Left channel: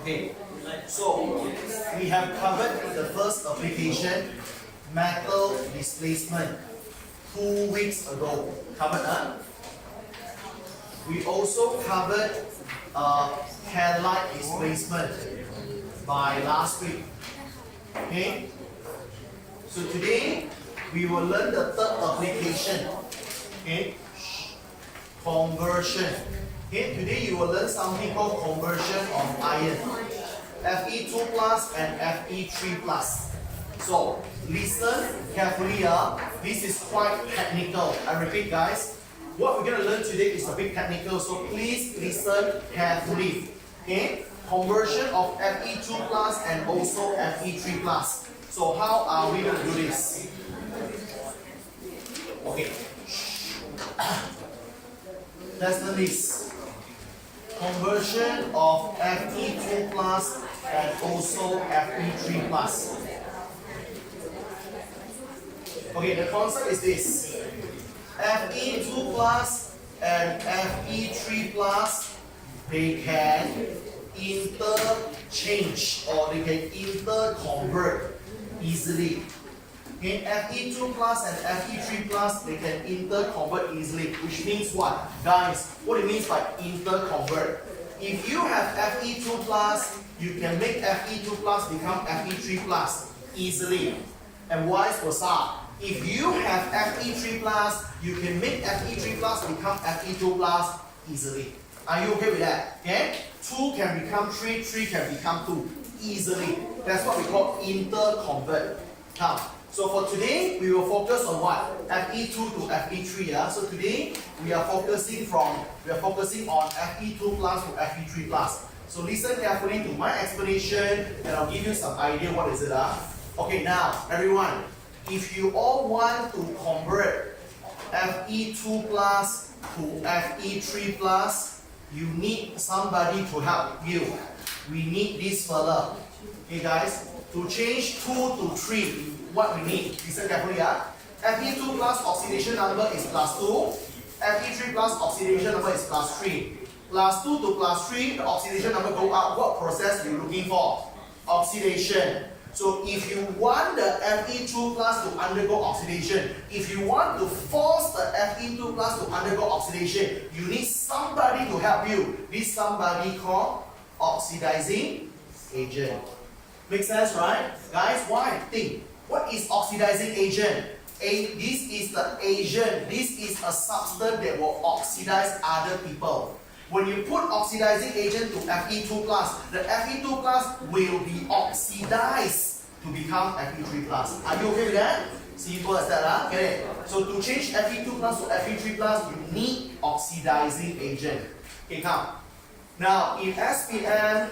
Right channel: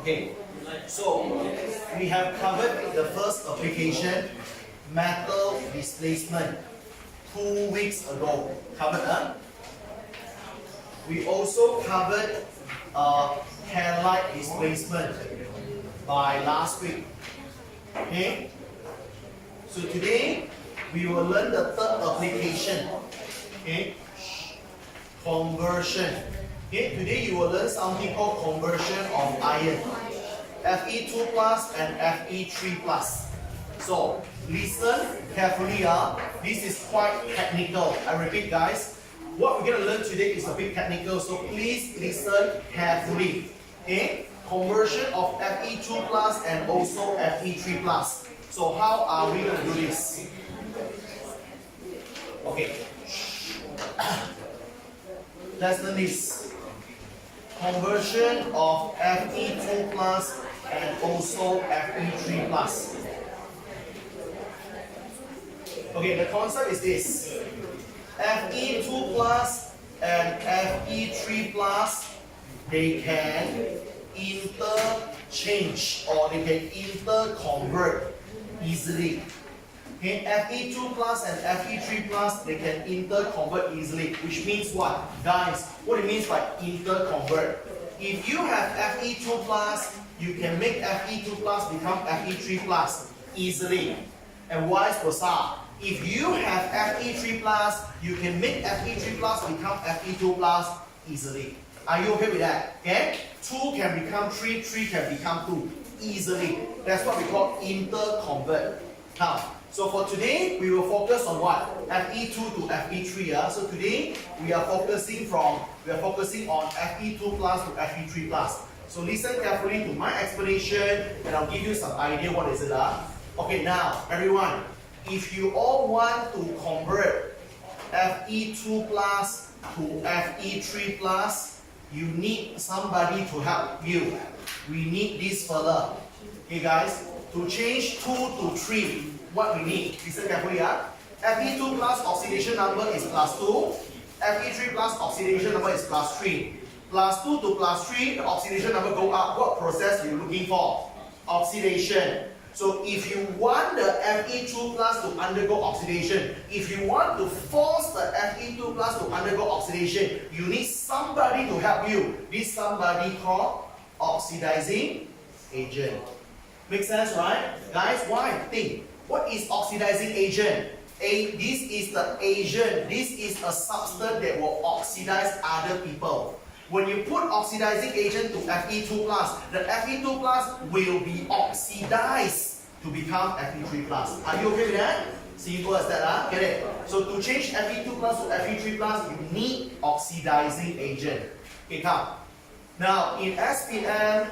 Okay, so we have covered the first application, metal displacement, 2 weeks ago. Covered, huh? We also covered headlight displacement by last week. Okay, so today we will learn the third application. Okay, conversion. Okay, today you will learn something called conversion of iron, Fe2 plus and Fe3 plus. So listen carefully. This is quite technical. I repeat, guys, what we're going to learn today is a bit technical, so please listen carefully. Okay, conversion of Fe2 plus and also Fe3 plus. So how are we going to do this? Okay, let's learn this. Conversion of Fe2 plus and also Fe3 plus. Okay, the concept is this. Fe2 plus and Fe3 plus, they can interchange or they can interconvert easily. Okay, Fe2 plus and Fe3 plus, they can interconvert easily, which means what? Guys, what it means by interconvert? If you have Fe2 plus, you can make Fe2 plus become Fe3 plus easily, and vice versa. If you have Fe3 plus, you can make Fe3 plus become Fe2 plus easily. Are you okay with that? Okay? 2 can become 3, 3 can become 2 easily. That's what we call interconvert. Now, so for today, we will focus on what? Fe2 to Fe3. So today we are focusing on Fe2 plus to Fe3 plus. So listen carefully to my explanation, and I'll give you some idea what is it. Okay, now everyone, if you all want to convert Fe2 plus to Fe3 plus, you need somebody to help you. We need this fella. Okay, guys, to change 2 to 3. What we need, listen carefully. Fe2 plus oxidation number is plus 2. Fe3 plus oxidation number is plus 3. Plus 2 to plus 3, the oxidation number go up. What process you looking for? Oxidation. So if you want the Fe2 plus to undergo oxidation, if you want to force the Fe2 plus to undergo oxidation, you need somebody to help you. This somebody called oxidizing agent. Make sense, right? Guys, why? Think. What is oxidizing agent? This is the agent. This is a substance that will oxidize other people. When you put oxidizing agent to Fe2 plus, the Fe2 plus will be oxidized to become Fe3 plus. Are you okay with that? Simple as that, Get it? So to change Fe2 plus to Fe3 plus, you need oxidizing agent. Okay, come. Now in SPM,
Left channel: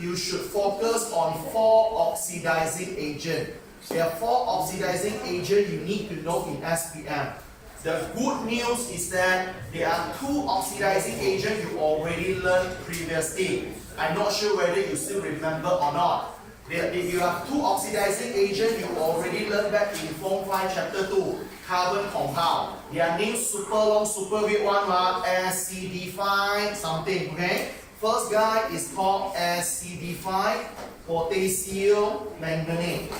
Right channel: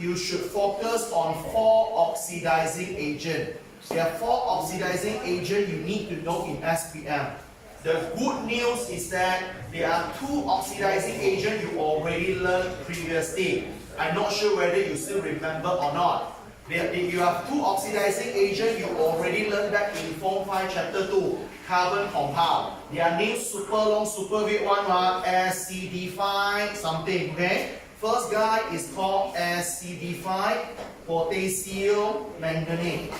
you should focus on 4 oxidizing agents. There are 4 oxidizing agents you need to know in SPM. The good news is that there are 2 oxidizing agents you already learned previously. I'm not sure whether you still remember or not. You have 2 oxidizing agents you already learned back in Form 5 Chapter 2, carbon compound. Their names super long, super weird one, SCD5 something, okay? First guy is called SCD5, potassium manganate.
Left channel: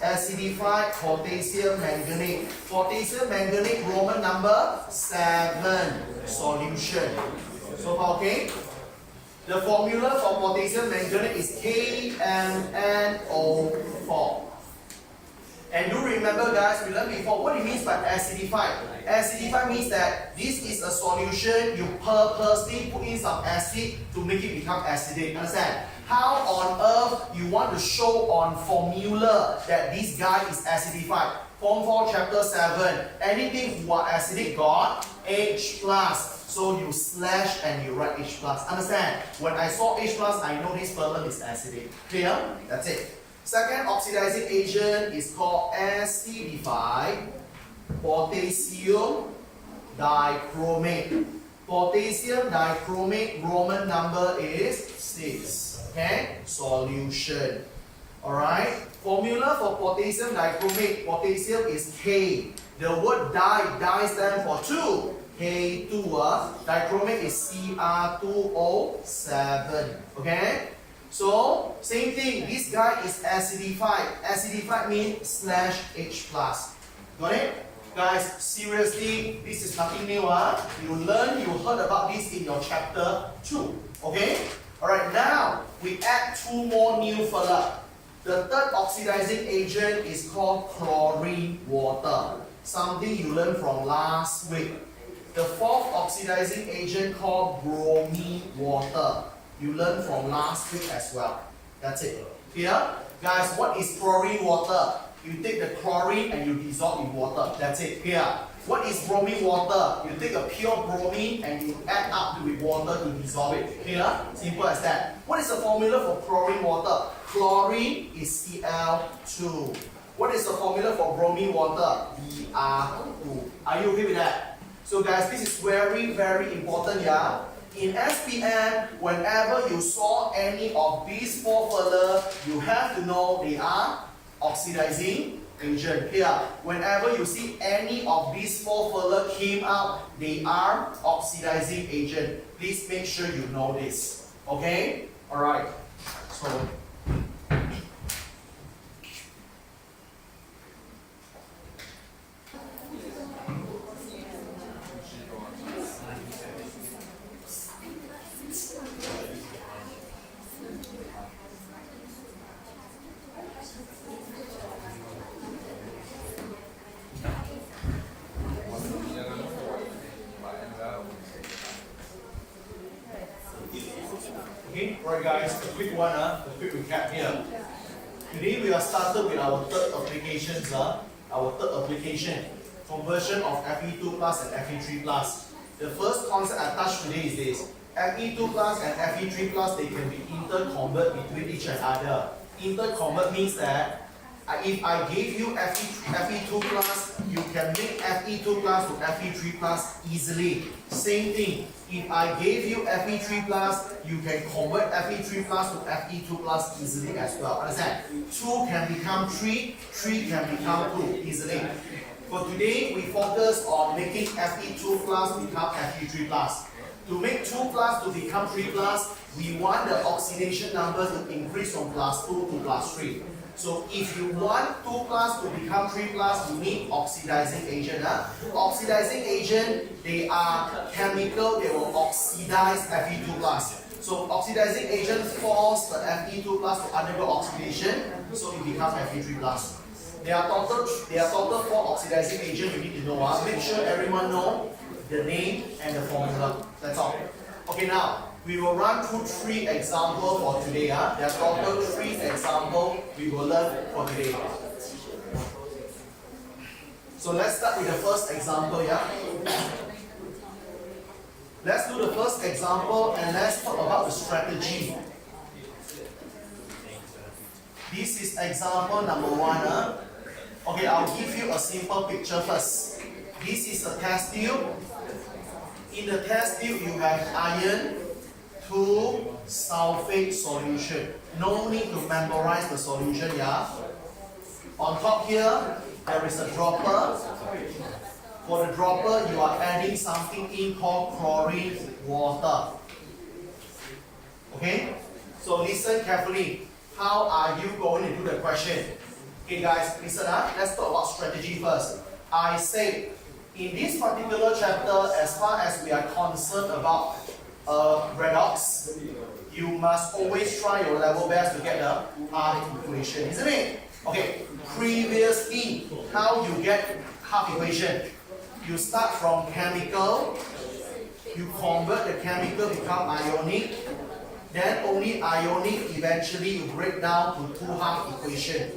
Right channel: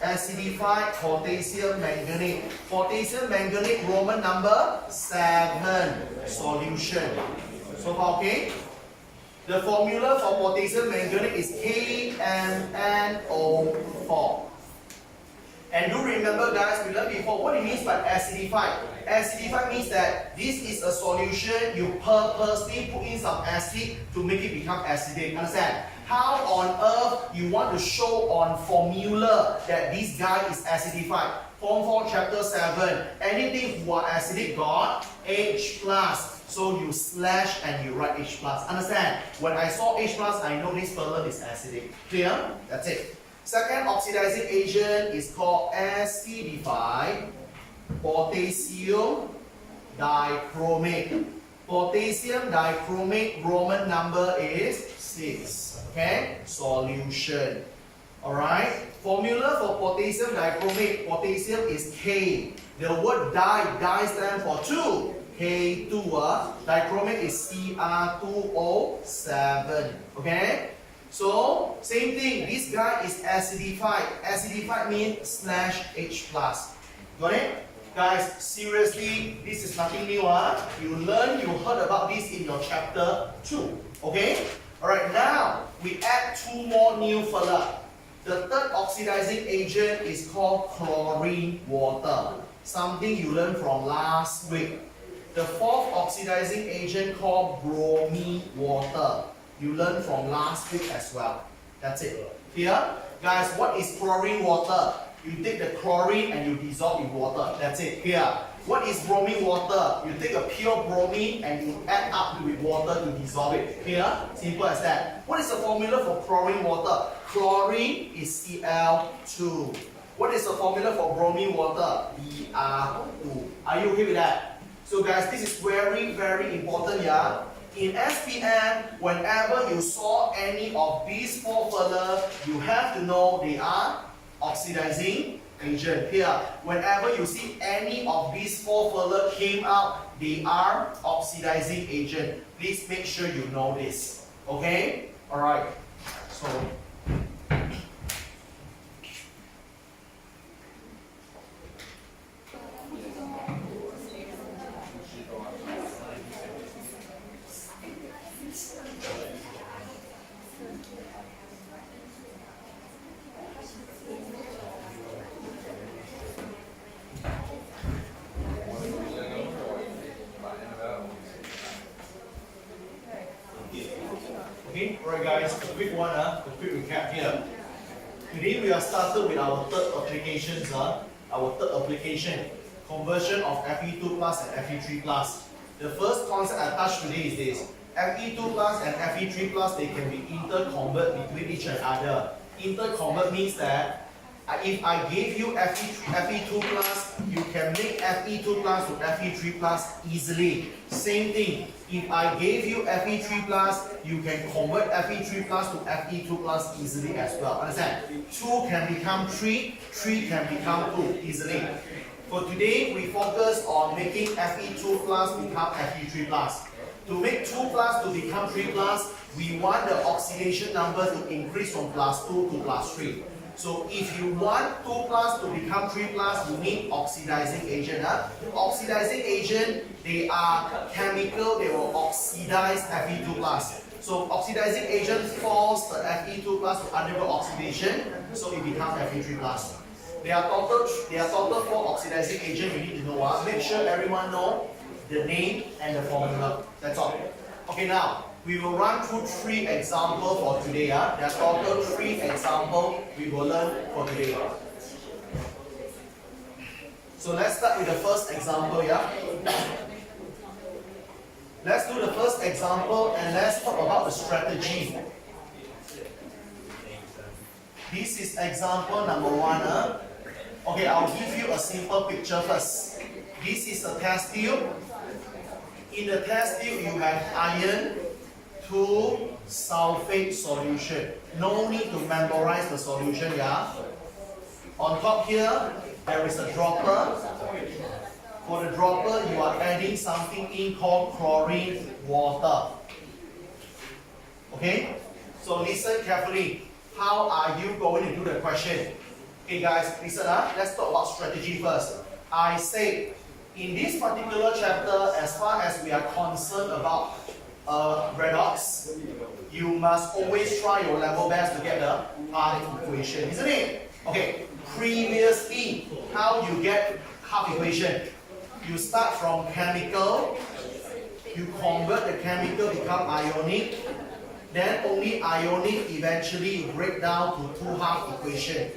SCD5, potassium manganate. Potassium manganate, Roman number 7, solution. So far, okay? The formula for potassium manganate is KMnO4. And do remember, guys, we learned before what it means by acidified. Acidified means that this is a solution, you purposely put in some acid to make it become acidic. Understand? How on earth you want to show on formula that this guy is acidified? Form 4 Chapter 7. Anything who are acidic got H+. So you slash and you write H+. Understand? When I saw H+, I know this fella is acidic. Clear? That's it. Second oxidizing agent is called acidified potassium dichromate. Potassium dichromate, Roman number is 6. Okay? Solution. Alright? Formula for potassium dichromate. Potassium is K. The word di stands for 2. K2. Dichromate is Cr2O7. Okay? So, same thing. This guy is acidified. Acidified means slash H+. Got it? Guys, seriously, this is nothing new. You heard about this in your chapter 2. Okay? Alright, now we add 2 more new fella. The third oxidizing agent is called chlorine water. Something you learned from last week. The fourth oxidizing agent called bromine water. You learned from last week as well. That's it. Here, guys, what is chlorine water? You take the chlorine and you dissolve in water. That's it. Here. What is bromine water? You take a pure bromine and you add up with water to dissolve it. Here. Simple as that. What is the formula for chlorine water? Chlorine is Cl2. What is the formula for bromine water? Br2. Are you okay with that? So guys, this is very, very important, yeah? In SPM, whenever you saw any of these 4 fella, you have to know they are oxidizing agent. Here, whenever you see any of these 4 fella came out, they are oxidizing agent. Please make sure you know this. Okay? Alright. So, okay, alright guys, a quick one, a quick recap here. Today we are started with our third applications, our third application, conversion of Fe2 plus and Fe3 plus. The first concept I touched today is this. Fe2 plus and Fe3 plus, they can be interconvert between each other. Interconvert means that if I gave you Fe2 plus, you can make Fe2 plus to Fe3 plus easily. Same thing. If I gave you Fe3 plus, you can convert Fe3 plus to Fe2 plus easily as well. Understand? 2 can become 3, 3 can become 2 easily. For today, we focus on making Fe2 plus become Fe3 plus. To make 2 plus to become 3 plus, we want the oxidation number to increase from plus 2 to plus 3. So if you want 2 plus to become 3 plus, you need oxidizing agent. Oxidizing agent, they are chemical, they will oxidize Fe2 plus. So oxidizing agent force the Fe2 plus to undergo oxidation, so it becomes Fe3 plus. There are total 4 oxidizing agents you need to know. Make sure everyone know the name and the formula. That's all. Okay, now we will run through 3 examples for today. There are total 3 examples we will learn for today. So let's start with the first example. Let's do the first example and let's talk about the strategy. This is example number 1. Okay, I'll give you a simple picture first. This is a test tube. In the test tube, you have iron 2 sulfate solution. No need to memorize the solution, yeah? On top here, there is a dropper. For the dropper, you are adding something in called chlorine water. Okay? So listen carefully. How are you going to do the question? Okay guys, listen let's talk about strategy first. I say, in this particular chapter, as far as we are concerned about redox, you must always try your level best to get the half equation, isn't it? Okay, previously, how you get half equation? You start from chemical, you convert the chemical become ionic, then only ionic eventually you break down to 2 half equation.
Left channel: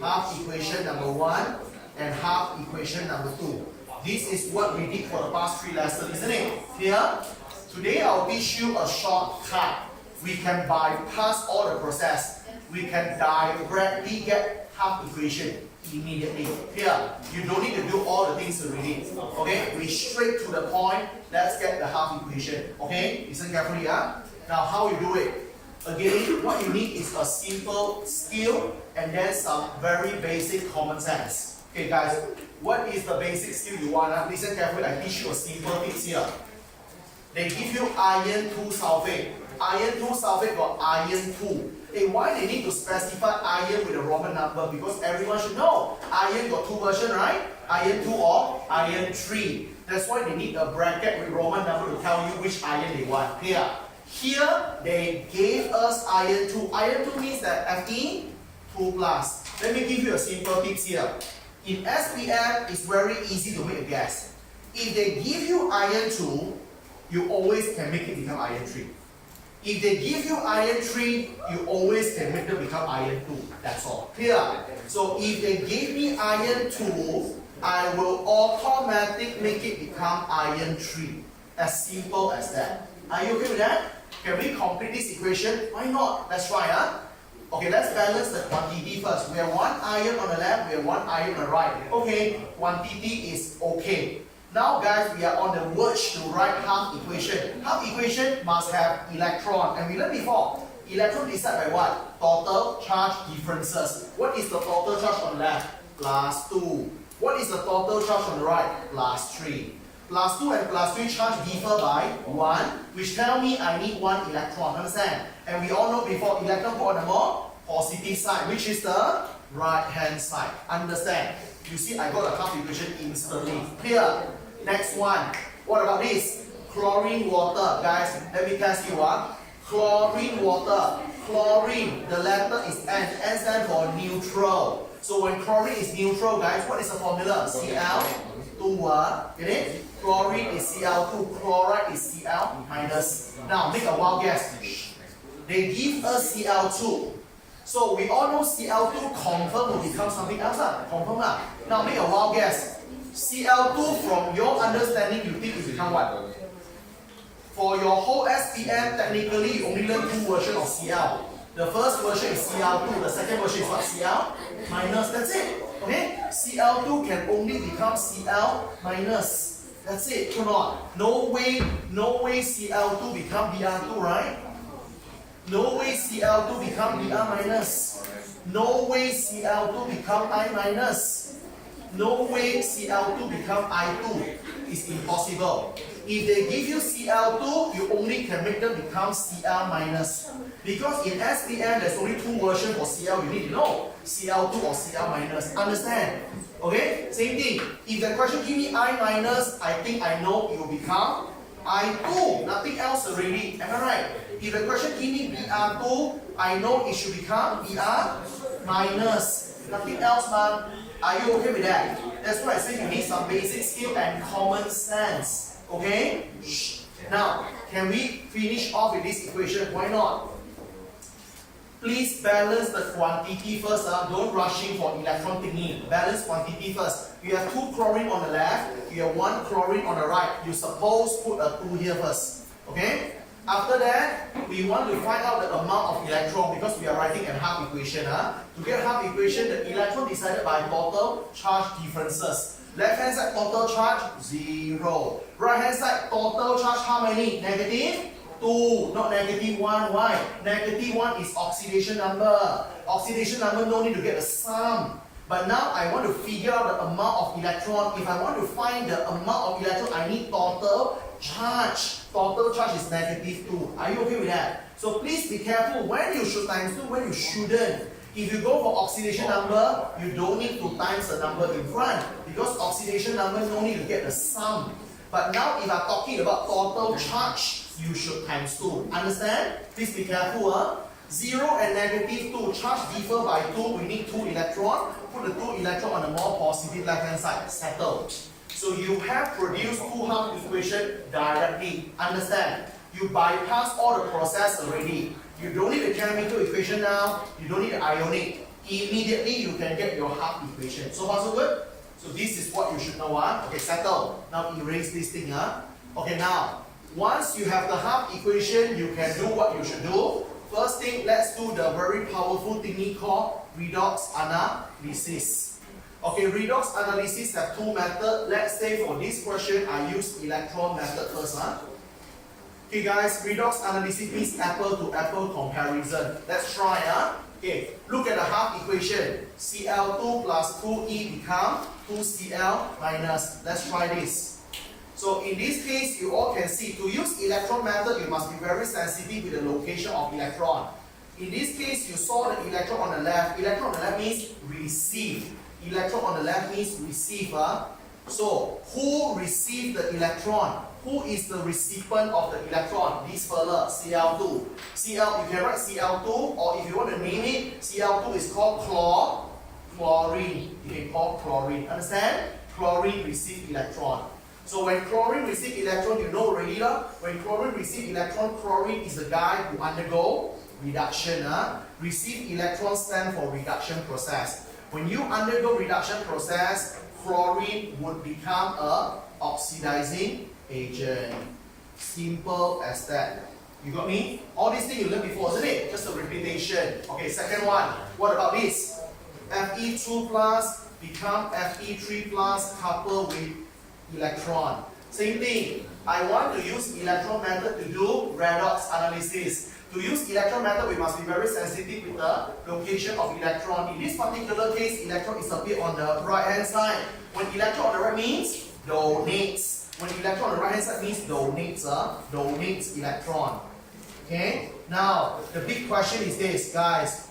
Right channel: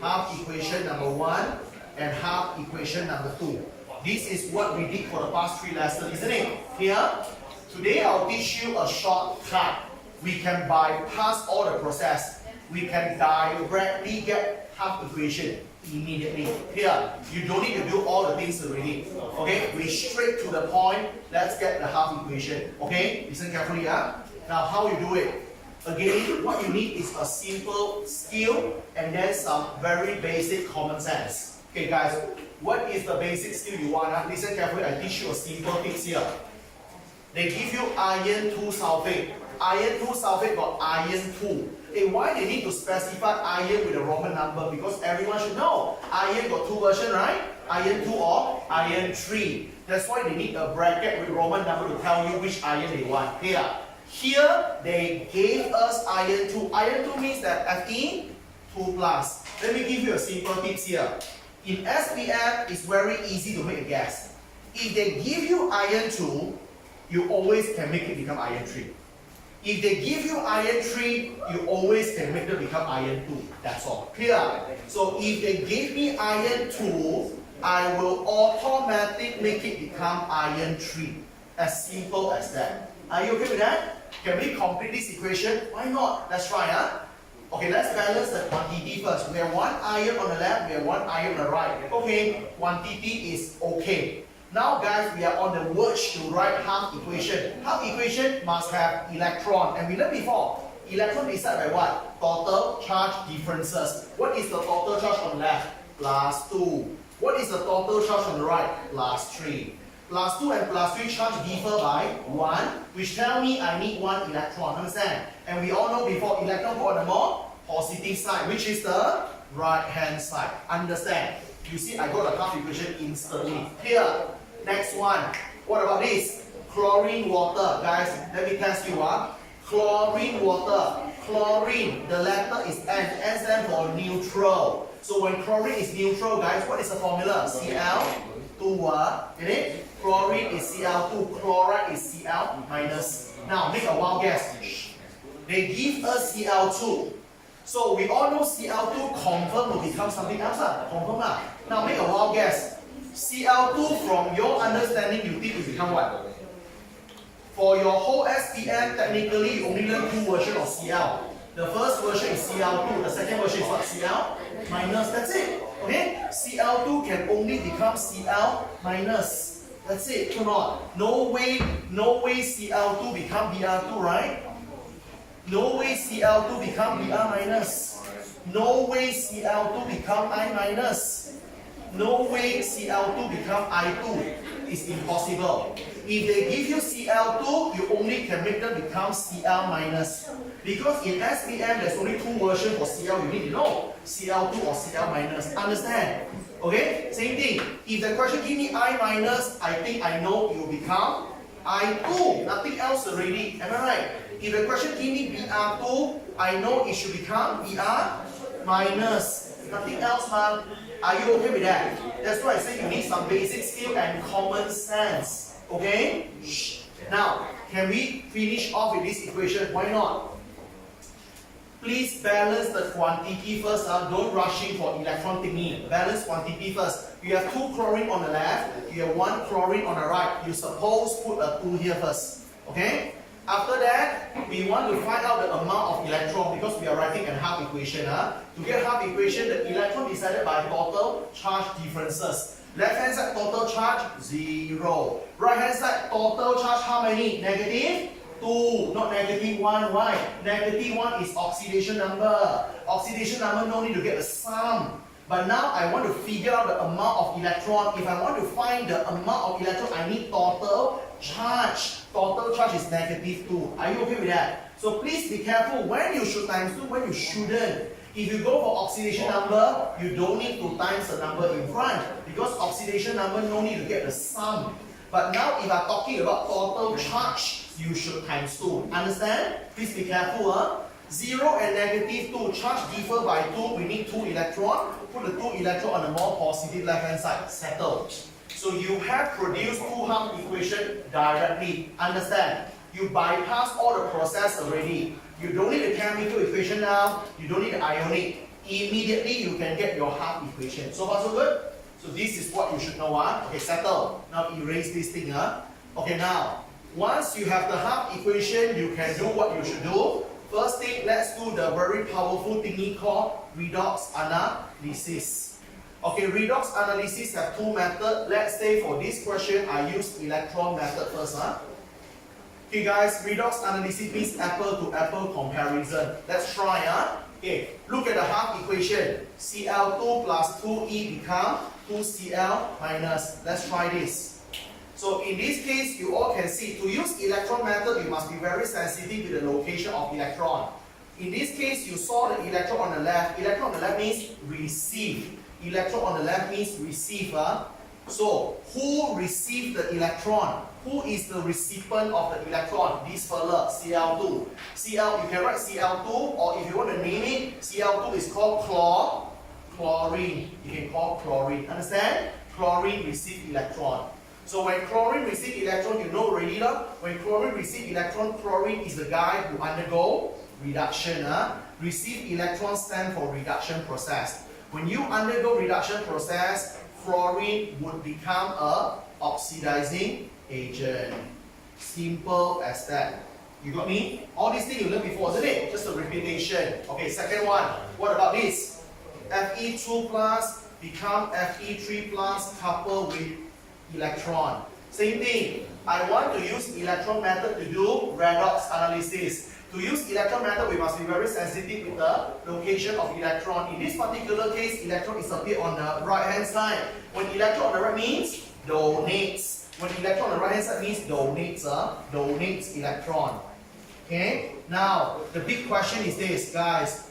Half equation number 1 and half equation number 2. This is what we did for the past 3 lessons, isn't it? Here, today I'll teach you a shortcut. We can bypass all the process. We can directly get half equation immediately. Here, you don't need to do all the things already. Okay, we straight to the point. Let's get the half equation. Okay, listen carefully. Now, how you do it? Again, what you need is a simple skill and then some very basic common sense. Okay guys, what is the basic skill you want? Listen carefully, I teach you a simple tips here. They give you iron 2 sulfate. Iron 2 sulfate got iron 2. Hey, why they need to specify iron with a Roman number? Because everyone should know. Iron got 2 versions, right? Iron 2 or iron 3. That's why they need a bracket with Roman number to tell you which iron they want. Here they gave us iron 2. Iron 2 means that Fe 2 plus. Let me give you a simple tips here. In SPM, it's very easy to make a guess. If they give you iron 2, you always can make it become iron 3. If they give you iron 3, you always can make it become iron 2. That's all. Clear? So if they give me iron 2, I will automatically make it become iron 3. As simple as that. Are you okay with that? Can we complete this equation? Why not? Let's try, huh? Okay, let's balance the quantity first. We have one iron on the left, we have one iron on the right. Okay, quantity is okay. Now guys, we are on the verge to write half equation. Half equation must have electron. And we learned before, electron decided by what? Total charge differences. What is the total charge on the left? Plus 2. What is the total charge on the right? Plus 3. Plus 2 and plus 3 charge differ by 1, which tell me I need 1 electron. Understand? And we all know before, electron go on the more positive side, which is the right hand side. Understand? You see, I got the half equation instantly. Here. Next one. What about this? Chlorine water. Guys, let me test you. Chlorine water. Chlorine, the letter is N. N stands for neutral. So when chlorine is neutral, guys, what is the formula? Cl2. Get it? Chlorine is Cl2. Chloride is Cl minus. Now, make a wild guess. They give us Cl2. So we all know Cl2 confirm will become something else. Confirm. Now, make a wild guess. Cl2 from your understanding, you think it become what? For your whole SPM, technically you only learn 2 versions of Cl. The first version is Cl2, the second version is what? Cl minus, that's it. Okay? Cl2 can only become Cl minus. That's it, come on. No way Cl2 become Br2, right? No way Cl2 become Br minus. No way Cl2 become I minus. No way Cl2 become I2. It's impossible. If they give you Cl2, you only can make them become Cl minus. Because in SPM, there's only 2 versions for Cl. You need to know Cl2 or Cl minus. Understand? Okay? Same thing. If the question give me I minus, I think I know it will become I2. Nothing else already. Am I right? If the question give me Br2, I know it should become Br minus. Nothing else, man. Are you okay with that? That's why I say you need some basic skill and common sense. Okay? Now, can we finish off with this equation? Why not? Please balance the quantity first. Don't rushing for electron thingy. Balance quantity first. You have 2 chlorine on the left. You have 1 chlorine on the right. You suppose put a 2 here first. Okay? After that, we want to find out the amount of electron because we are writing a half equation. To get half equation, the electron decided by total charge differences. Left hand side total charge 0. Right hand side total charge how many? Negative 2, not negative 1. Why? Negative 1 is oxidation number. Oxidation number no need to get the sum. But now I want to figure out the amount of electron. If I want to find the amount of electron, I need total charge. Total charge is negative 2. Are you okay with that? So please be careful when you should times 2, when you shouldn't. If you go for oxidation number, you don't need to times the number in front. Because oxidation number no need to get the sum. But now if I'm talking about total charge, you should times 2. Understand? Please be careful. 0 and negative 2, charge differ by 2, we need 2 electrons. Put the 2 electrons on the more positive left hand side. Settled. So you have produced 2 half equation directly. Understand? You bypass all the process already. You don't need the chemical equation now. You don't need the ionic. Immediately you can get your half equation. So far so good? So this is what you should know. Okay, settle. Now erase this thing. Okay, now once you have the half equation, you can do what you should do. First thing, let's do the very powerful thingy called redox analysis. Okay, redox analysis have 2 methods. Let's say for this question, I use electron method first. Okay guys, redox analysis means apple to apple comparison. Let's try. Okay, look at the half equation. Cl2 plus 2E become 2Cl minus. Let's try this. So in this case, you all can see, to use electron method, you must be very sensitive with the location of electron. In this case, you saw the electron on the left. Electron on the left means receive. Electron on the left means receive. So, who received the electron? Who is the recipient of the electron? This fella, Cl2. Cl, you can write Cl2, or if you want to name it, Cl2 is called chlorine. You can call chlorine. Understand? Chlorine receive electron. So when chlorine receive electron, you know already when chlorine receive electron, chlorine is the guy who undergo reduction. Receive electron stand for reduction process. When you undergo reduction process, chlorine would become a oxidizing agent. Simple as that. You got me? All these things you learned before, isn't it? Just a repetition. Okay, second one. What about this? Fe2 plus become Fe3 plus coupled with electron. Same thing. I want to use electron method to do redox analysis. To use electron method, we must be very sensitive with the location of electron. In this particular case, electron is a bit on the right hand side. When electron on the right means donates. When electron on the right hand side means donates electron. Okay? Now, the big question is this, guys.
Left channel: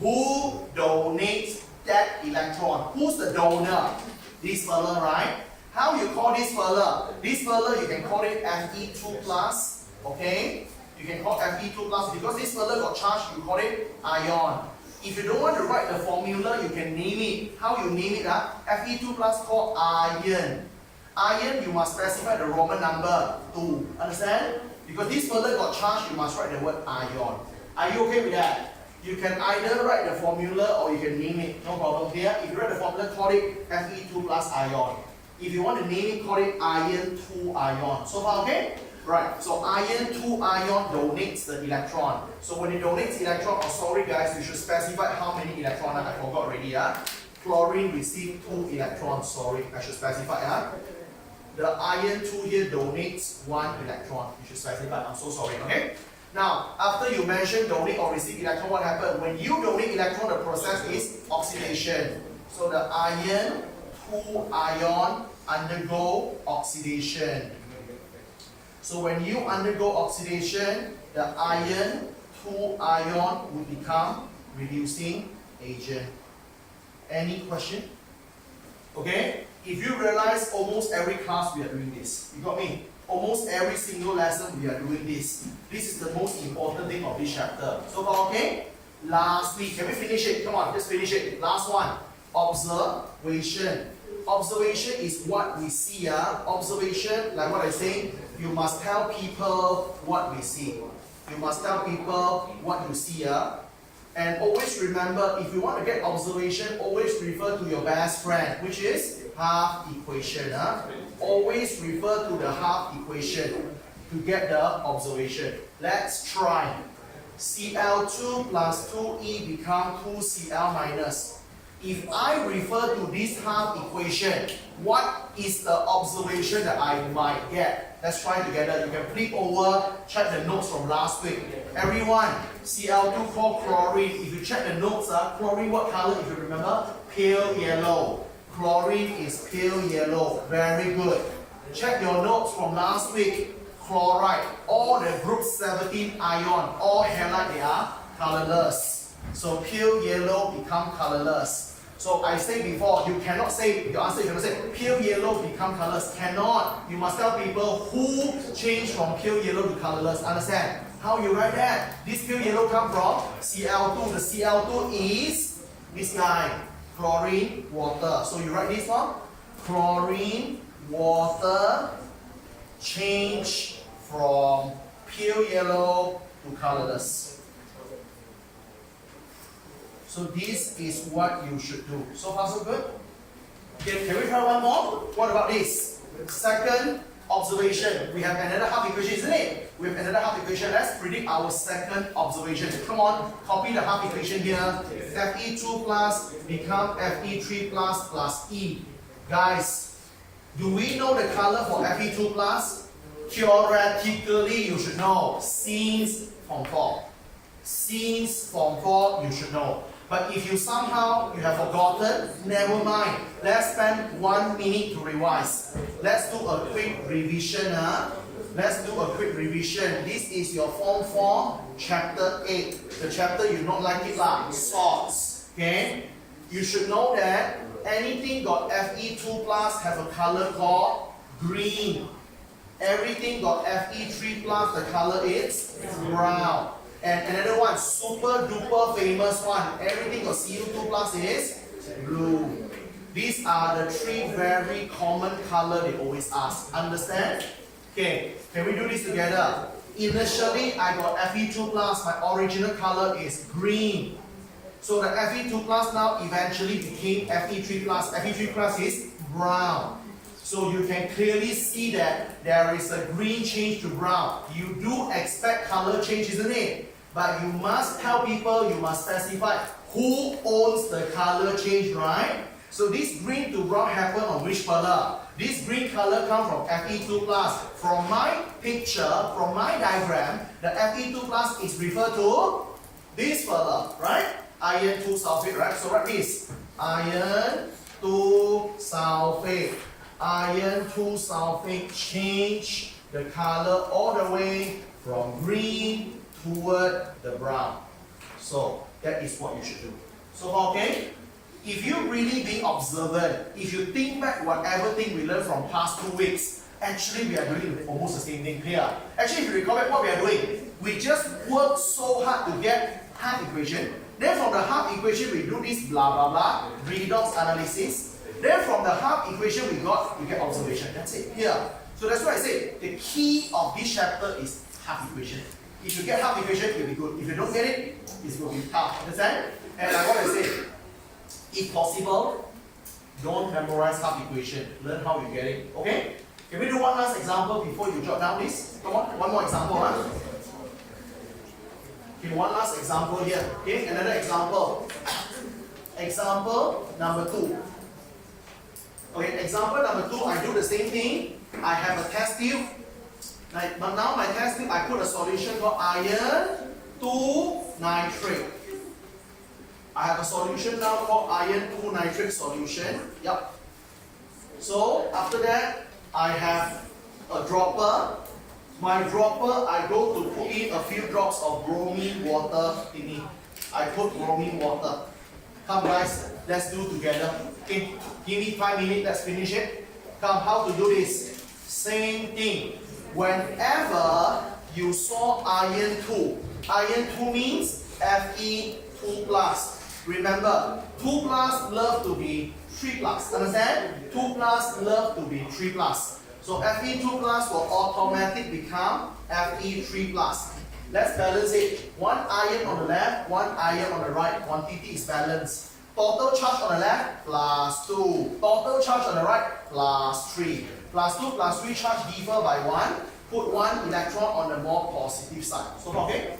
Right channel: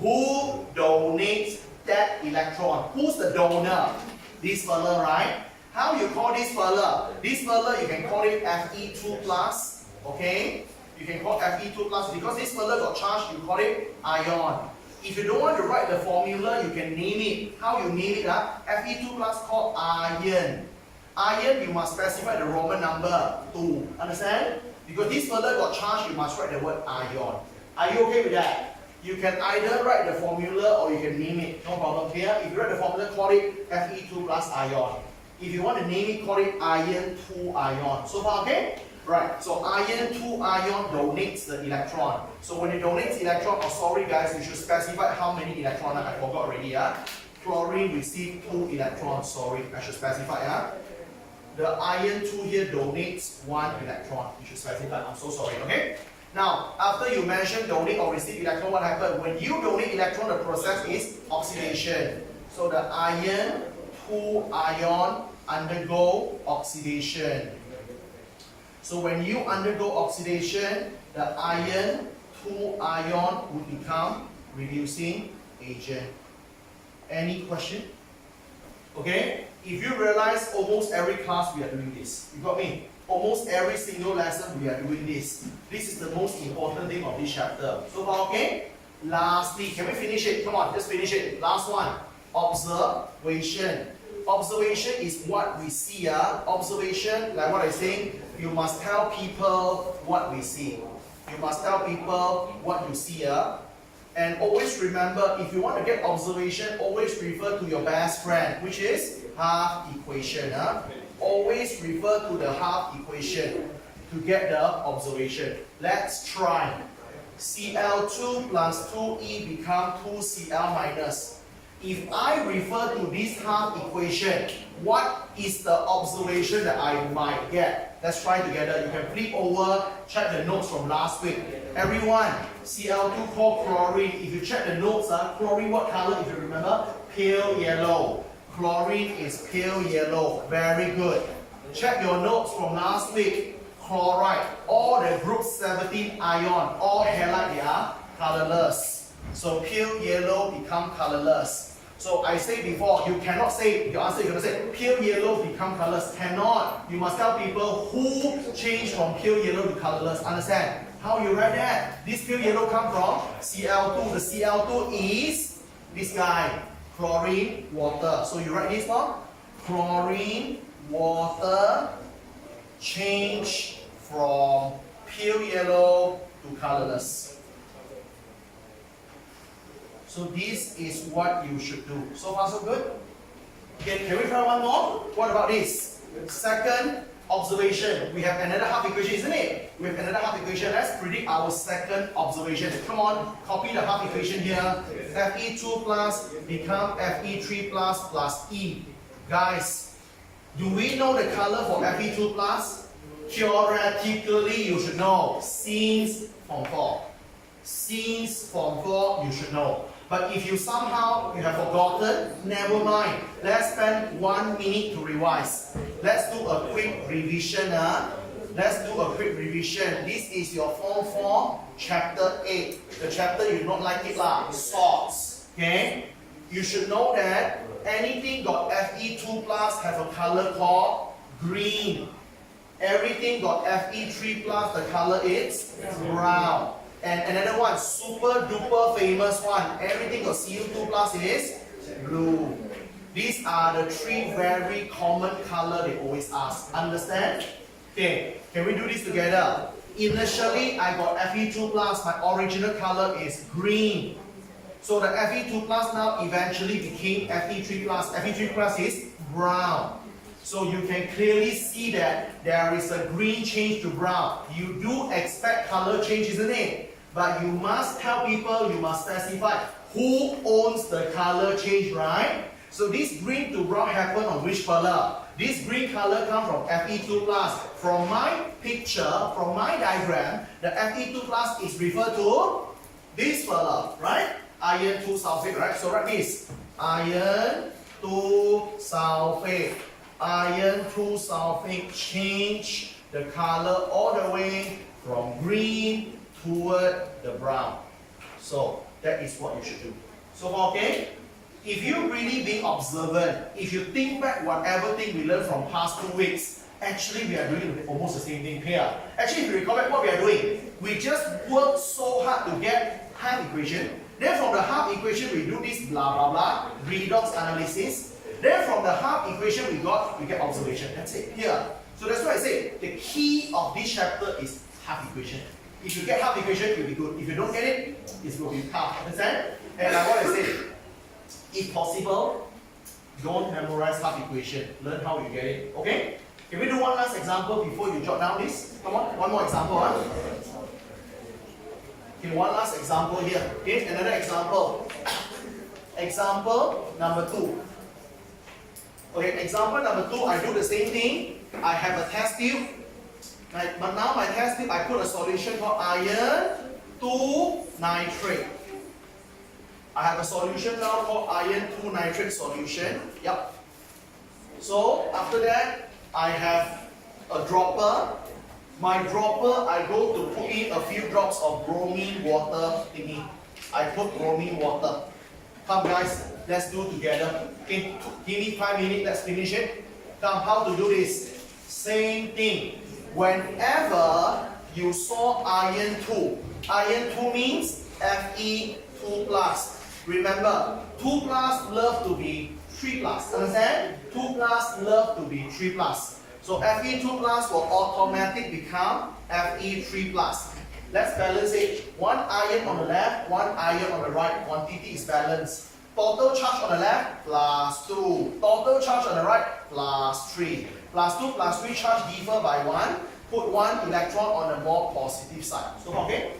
Who donates that electron? Who's the donor? This fella, right? How you call this fella? This fella, you can call it Fe2 plus. Okay? You can call Fe2 plus because this fella got charge, you call it ion. If you don't want to write the formula, you can name it. How you name it? Fe2 plus called iron. Iron, you must specify the Roman number 2. Understand? Because this fella got charge, you must write the word ion. Are you okay with that? You can either write the formula or you can name it. No problem here. If you write the formula, call it Fe2 plus ion. If you want to name it, call it iron 2 ion. So far, okay? Right, so iron 2 ion donates the electron. So when it donates electron, oh sorry guys, we should specify how many electrons. I forgot already. Chlorine received 2 electrons. Sorry, I should specify. The iron 2 here donates 1 electron. You should specify. I'm so sorry, okay? Now, after you mention donate or receive electron, what happens? When you donate electron, the process is oxidation. So the iron 2 ion undergo oxidation. So when you undergo oxidation, the iron 2 ion will become reducing agent. Any question? Okay? If you realize almost every class we are doing this. You got me? Almost every single lesson we are doing this. This is the most important thing of this chapter. So far, okay? Lastly, can we finish it? Come on, just finish it. Last one. Observation. Observation is what we see. Observation, like what I say, you must tell people what we see. You must tell people what you see. And always remember, if you want to get observation, always refer to your best friend, which is half equation. Always refer to the half equation to get the observation. Let's try. Cl2 plus 2E become 2Cl minus. If I refer to this half equation, what is the observation that I might get? Let's try together. You can flip over, check the notes from last week. Everyone, Cl2 called chlorine. If you check the notes, chlorine what color if you remember? Pale yellow. Chlorine is pale yellow. Very good. Check your notes from last week. Chloride. All the group 17 ion, all halide, they are colorless. So pale yellow become colorless. So I said before, you cannot say, your answer you cannot say, pale yellow become colorless. Cannot. You must tell people who changed from pale yellow to colorless. Understand? How you write that? This pale yellow come from Cl2. The Cl2 is this guy, chlorine, water. So you write this one, chlorine, water, change from pale yellow to colorless. So this is what you should do. So far so good? Okay, can we try one more? What about this? Second observation. We have another half equation, isn't it? We have another half equation. Let's predict our second observation. Come on, copy the half equation here. Fe2 plus become Fe3 plus E. Guys, do we know the color for Fe2 plus? Theoretically, you should know. Since Form 4. Since Form 4, you should know. But if you somehow you have forgotten, never mind. Let's spend 1 minute to revise. Let's do a quick revision. Let's do a quick revision. This is your Form 4, Chapter 8. The chapter you don't like it lah, sorts. Okay? You should know that anything got Fe2 plus have a color called green. Everything got Fe3 plus, the color is brown. And another one, super duper famous one, everything got Cu2 plus is blue. These are the 3 very common color they always ask. Understand? Okay, can we do this together? Initially, I got Fe2 plus, my original color is green. So the Fe2 plus now eventually became Fe3 plus. Fe3 plus is brown. So you can clearly see that there is a green change to brown. You do expect color change, isn't it? But you must tell people, you must specify who owns the color change, right? So this green to brown happen on which color? This green color comes from Fe2 plus. From my picture, from my diagram, the Fe2 plus is referred to this color, right? Iron 2 sulfate, right? So write this. Iron 2 sulfate. Iron 2 sulfate change the color all the way from green toward the brown. So that is what you should do. So okay, if you really be observant, if you think back whatever thing we learned from past 2 weeks, actually we are doing almost the same thing here. Actually, if you recall back what we are doing, we just work so hard to get half equation. Then from the half equation we do this blah blah blah, redox analysis. Then from the half equation we get observation. That's it here. So that's why I say the key of this chapter is half equation. If you get half equation, it will be good. If you don't get it, it will be tough. Understand? And like what I said, if possible, don't memorize half equation. Learn how you get it. Okay? Can we do one last example before you jot down this? Come on, one more example. Huh? Okay, one last example here. Okay, another example. Example number 2. Okay, example number 2, I do the same thing. I have a test tube. But now my test tube, I put a solution called iron 2 nitrate. I have a solution now called iron 2 nitrate solution. Yep. So after that, I have a dropper. My dropper, I go to put in a few drops of bromine water thingy. I put bromine water. Come guys, let's do together. Okay, give me 5 minutes, let's finish it. Come, how to do this? Same thing. Whenever you saw iron 2 means Fe2 plus. Remember, 2 plus love to be 3 plus. Understand? 2 plus love to be 3 plus. So Fe2 plus will automatically become Fe3 plus. Let's balance it. 1 iron on the left, 1 iron on the right. Quantity is balanced. Total charge on the left, plus 2. Total charge on the right, plus 3. Plus 2 plus 3 charge differ by 1. Put 1 electron on the more positive side. So okay?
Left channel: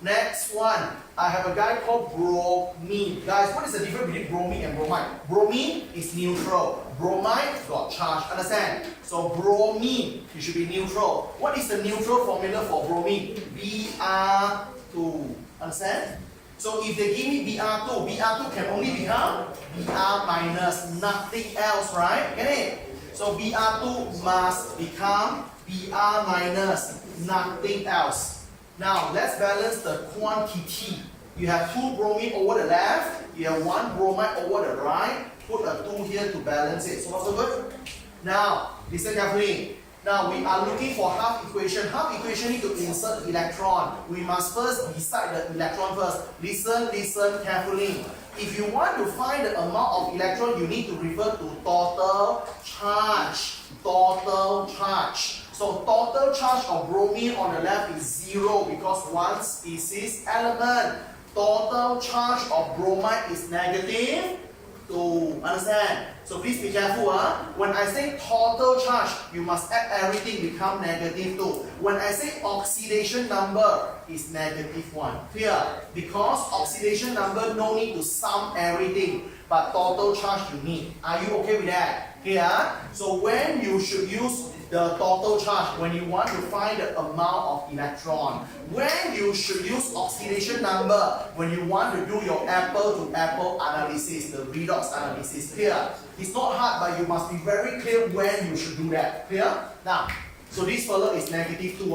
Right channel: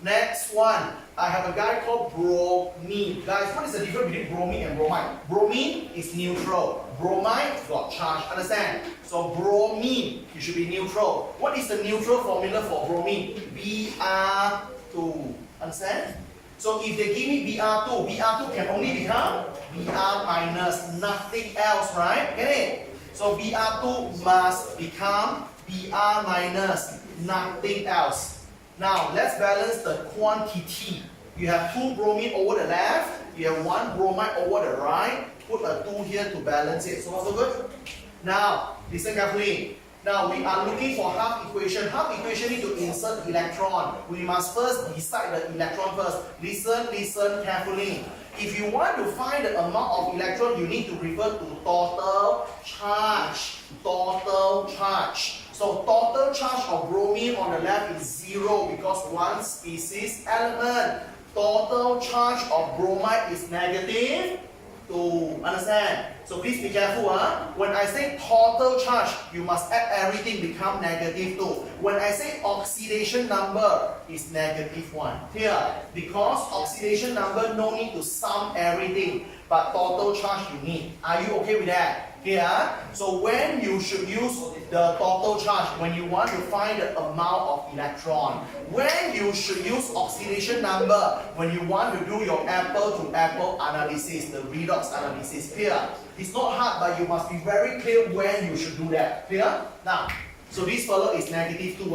Next one, I have a guy called bromine. Guys, what is the difference between bromine and bromide? Bromine is neutral. Bromide got charge. Understand? So bromine, you should be neutral. What is the neutral formula for bromine? Br2. Understand? So if they give me Br2, Br2 can only become Br minus, nothing else, right? Get it? So Br2 must become Br minus, nothing else. Now let's balance the quantity. You have 2 bromine over the left, you have 1 bromide over the right. Put a 2 here to balance it. So far so good? Now, listen carefully. Now we are looking for half equation. Half equation need to insert electron. We must first decide the electron first. Listen carefully. If you want to find the amount of electron, you need to refer to total charge. Total charge. So total charge of bromine on the left is 0 because 1 species element. Total charge of bromide is negative 2. Understand? So please be careful. When I say total charge, you must add everything become negative 2. When I say oxidation number is negative 1. Clear? Because oxidation number no need to sum everything, but total charge you need. Are you okay with that? Here, so when you should use the total charge when you want to find the amount of electron. When you should use oxidation number when you want to do your apple to apple analysis, the redox analysis. Clear? It's not hard, but you must be very clear when you should do that. Clear? Now, so this fellow is negative 2.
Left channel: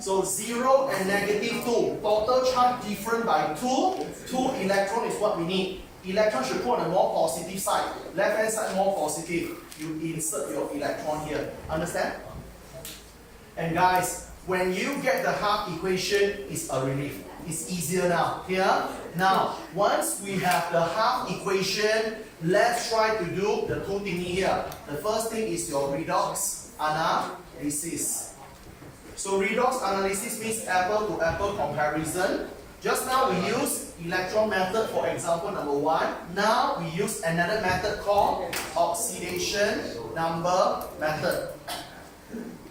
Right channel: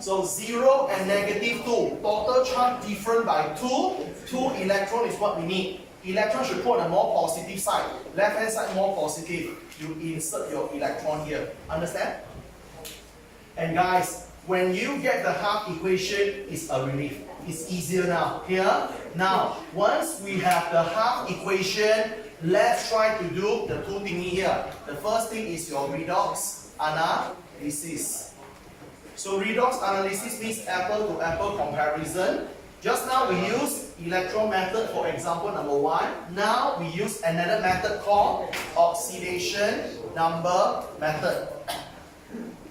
So 0 and negative 2. Total charge different by 2. 2 electron is what we need. Electron should put on the more positive side. Left hand side more positive. You insert your electron here. Understand? And guys, when you get the half equation, it's a relief. It's easier now. Here. Now, once we have the half equation, let's try to do the two thingy here. The first thing is your redox analysis. So redox analysis means apple to apple comparison. Just now we use electron method for example number 1. Now we use another method called oxidation number method.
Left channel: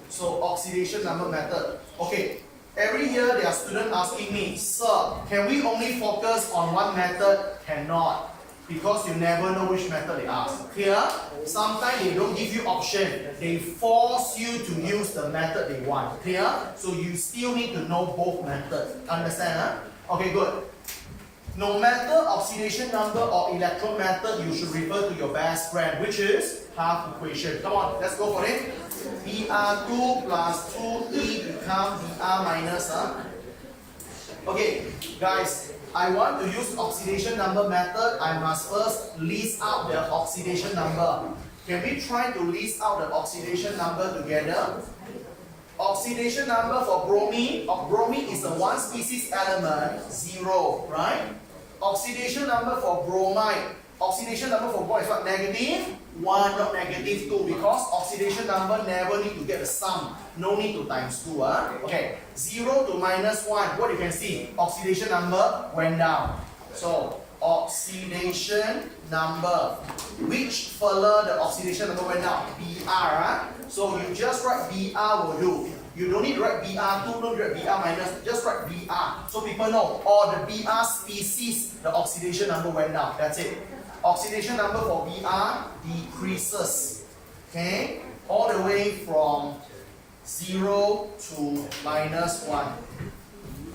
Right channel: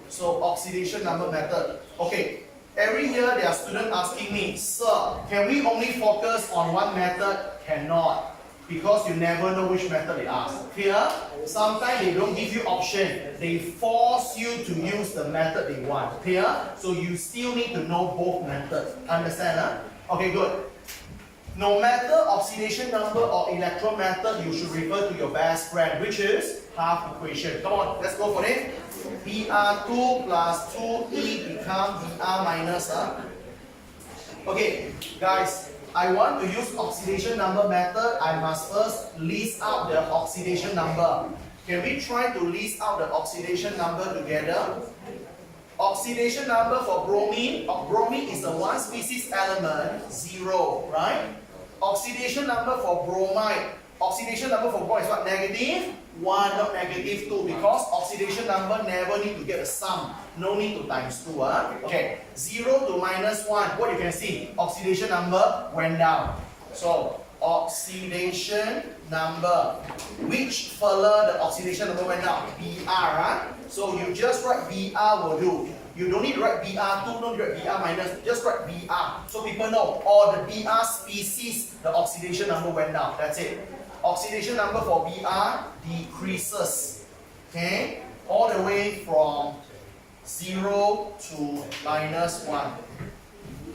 So oxidation number method. Okay, every year there are students asking me, sir, can we only focus on one method? Cannot. Because you never know which method they ask. Clear? Sometimes they don't give you option. They force you to use the method they want. Clear? So you still need to know both methods. Understand? Huh? Okay, good. No matter oxidation number or electron method, you should refer to your best friend, which is half equation. Come on, let's go for it. Br2 plus 2e become Br minus. Okay, guys. I want to use oxidation number method. I must first list out the oxidation number. Can we try to list out the oxidation number together? Oxidation number for bromine. Bromine is a one species element, 0, right? Oxidation number for bromide. Oxidation number for bromide is what? Negative 1, not negative 2, because oxidation number never need to get a sum. No need to times 2. Okay, 0 to minus 1. What you can see? Oxidation number went down. So, oxidation number. Which fella the oxidation number went down? Br. So, you just write Br will do. You don't need to write Br2, don't write Br minus, just write Br. So, people know all the Br species, the oxidation number went down. That's it. Oxidation number for Br decreases. Okay? All the way from 0 to minus 1.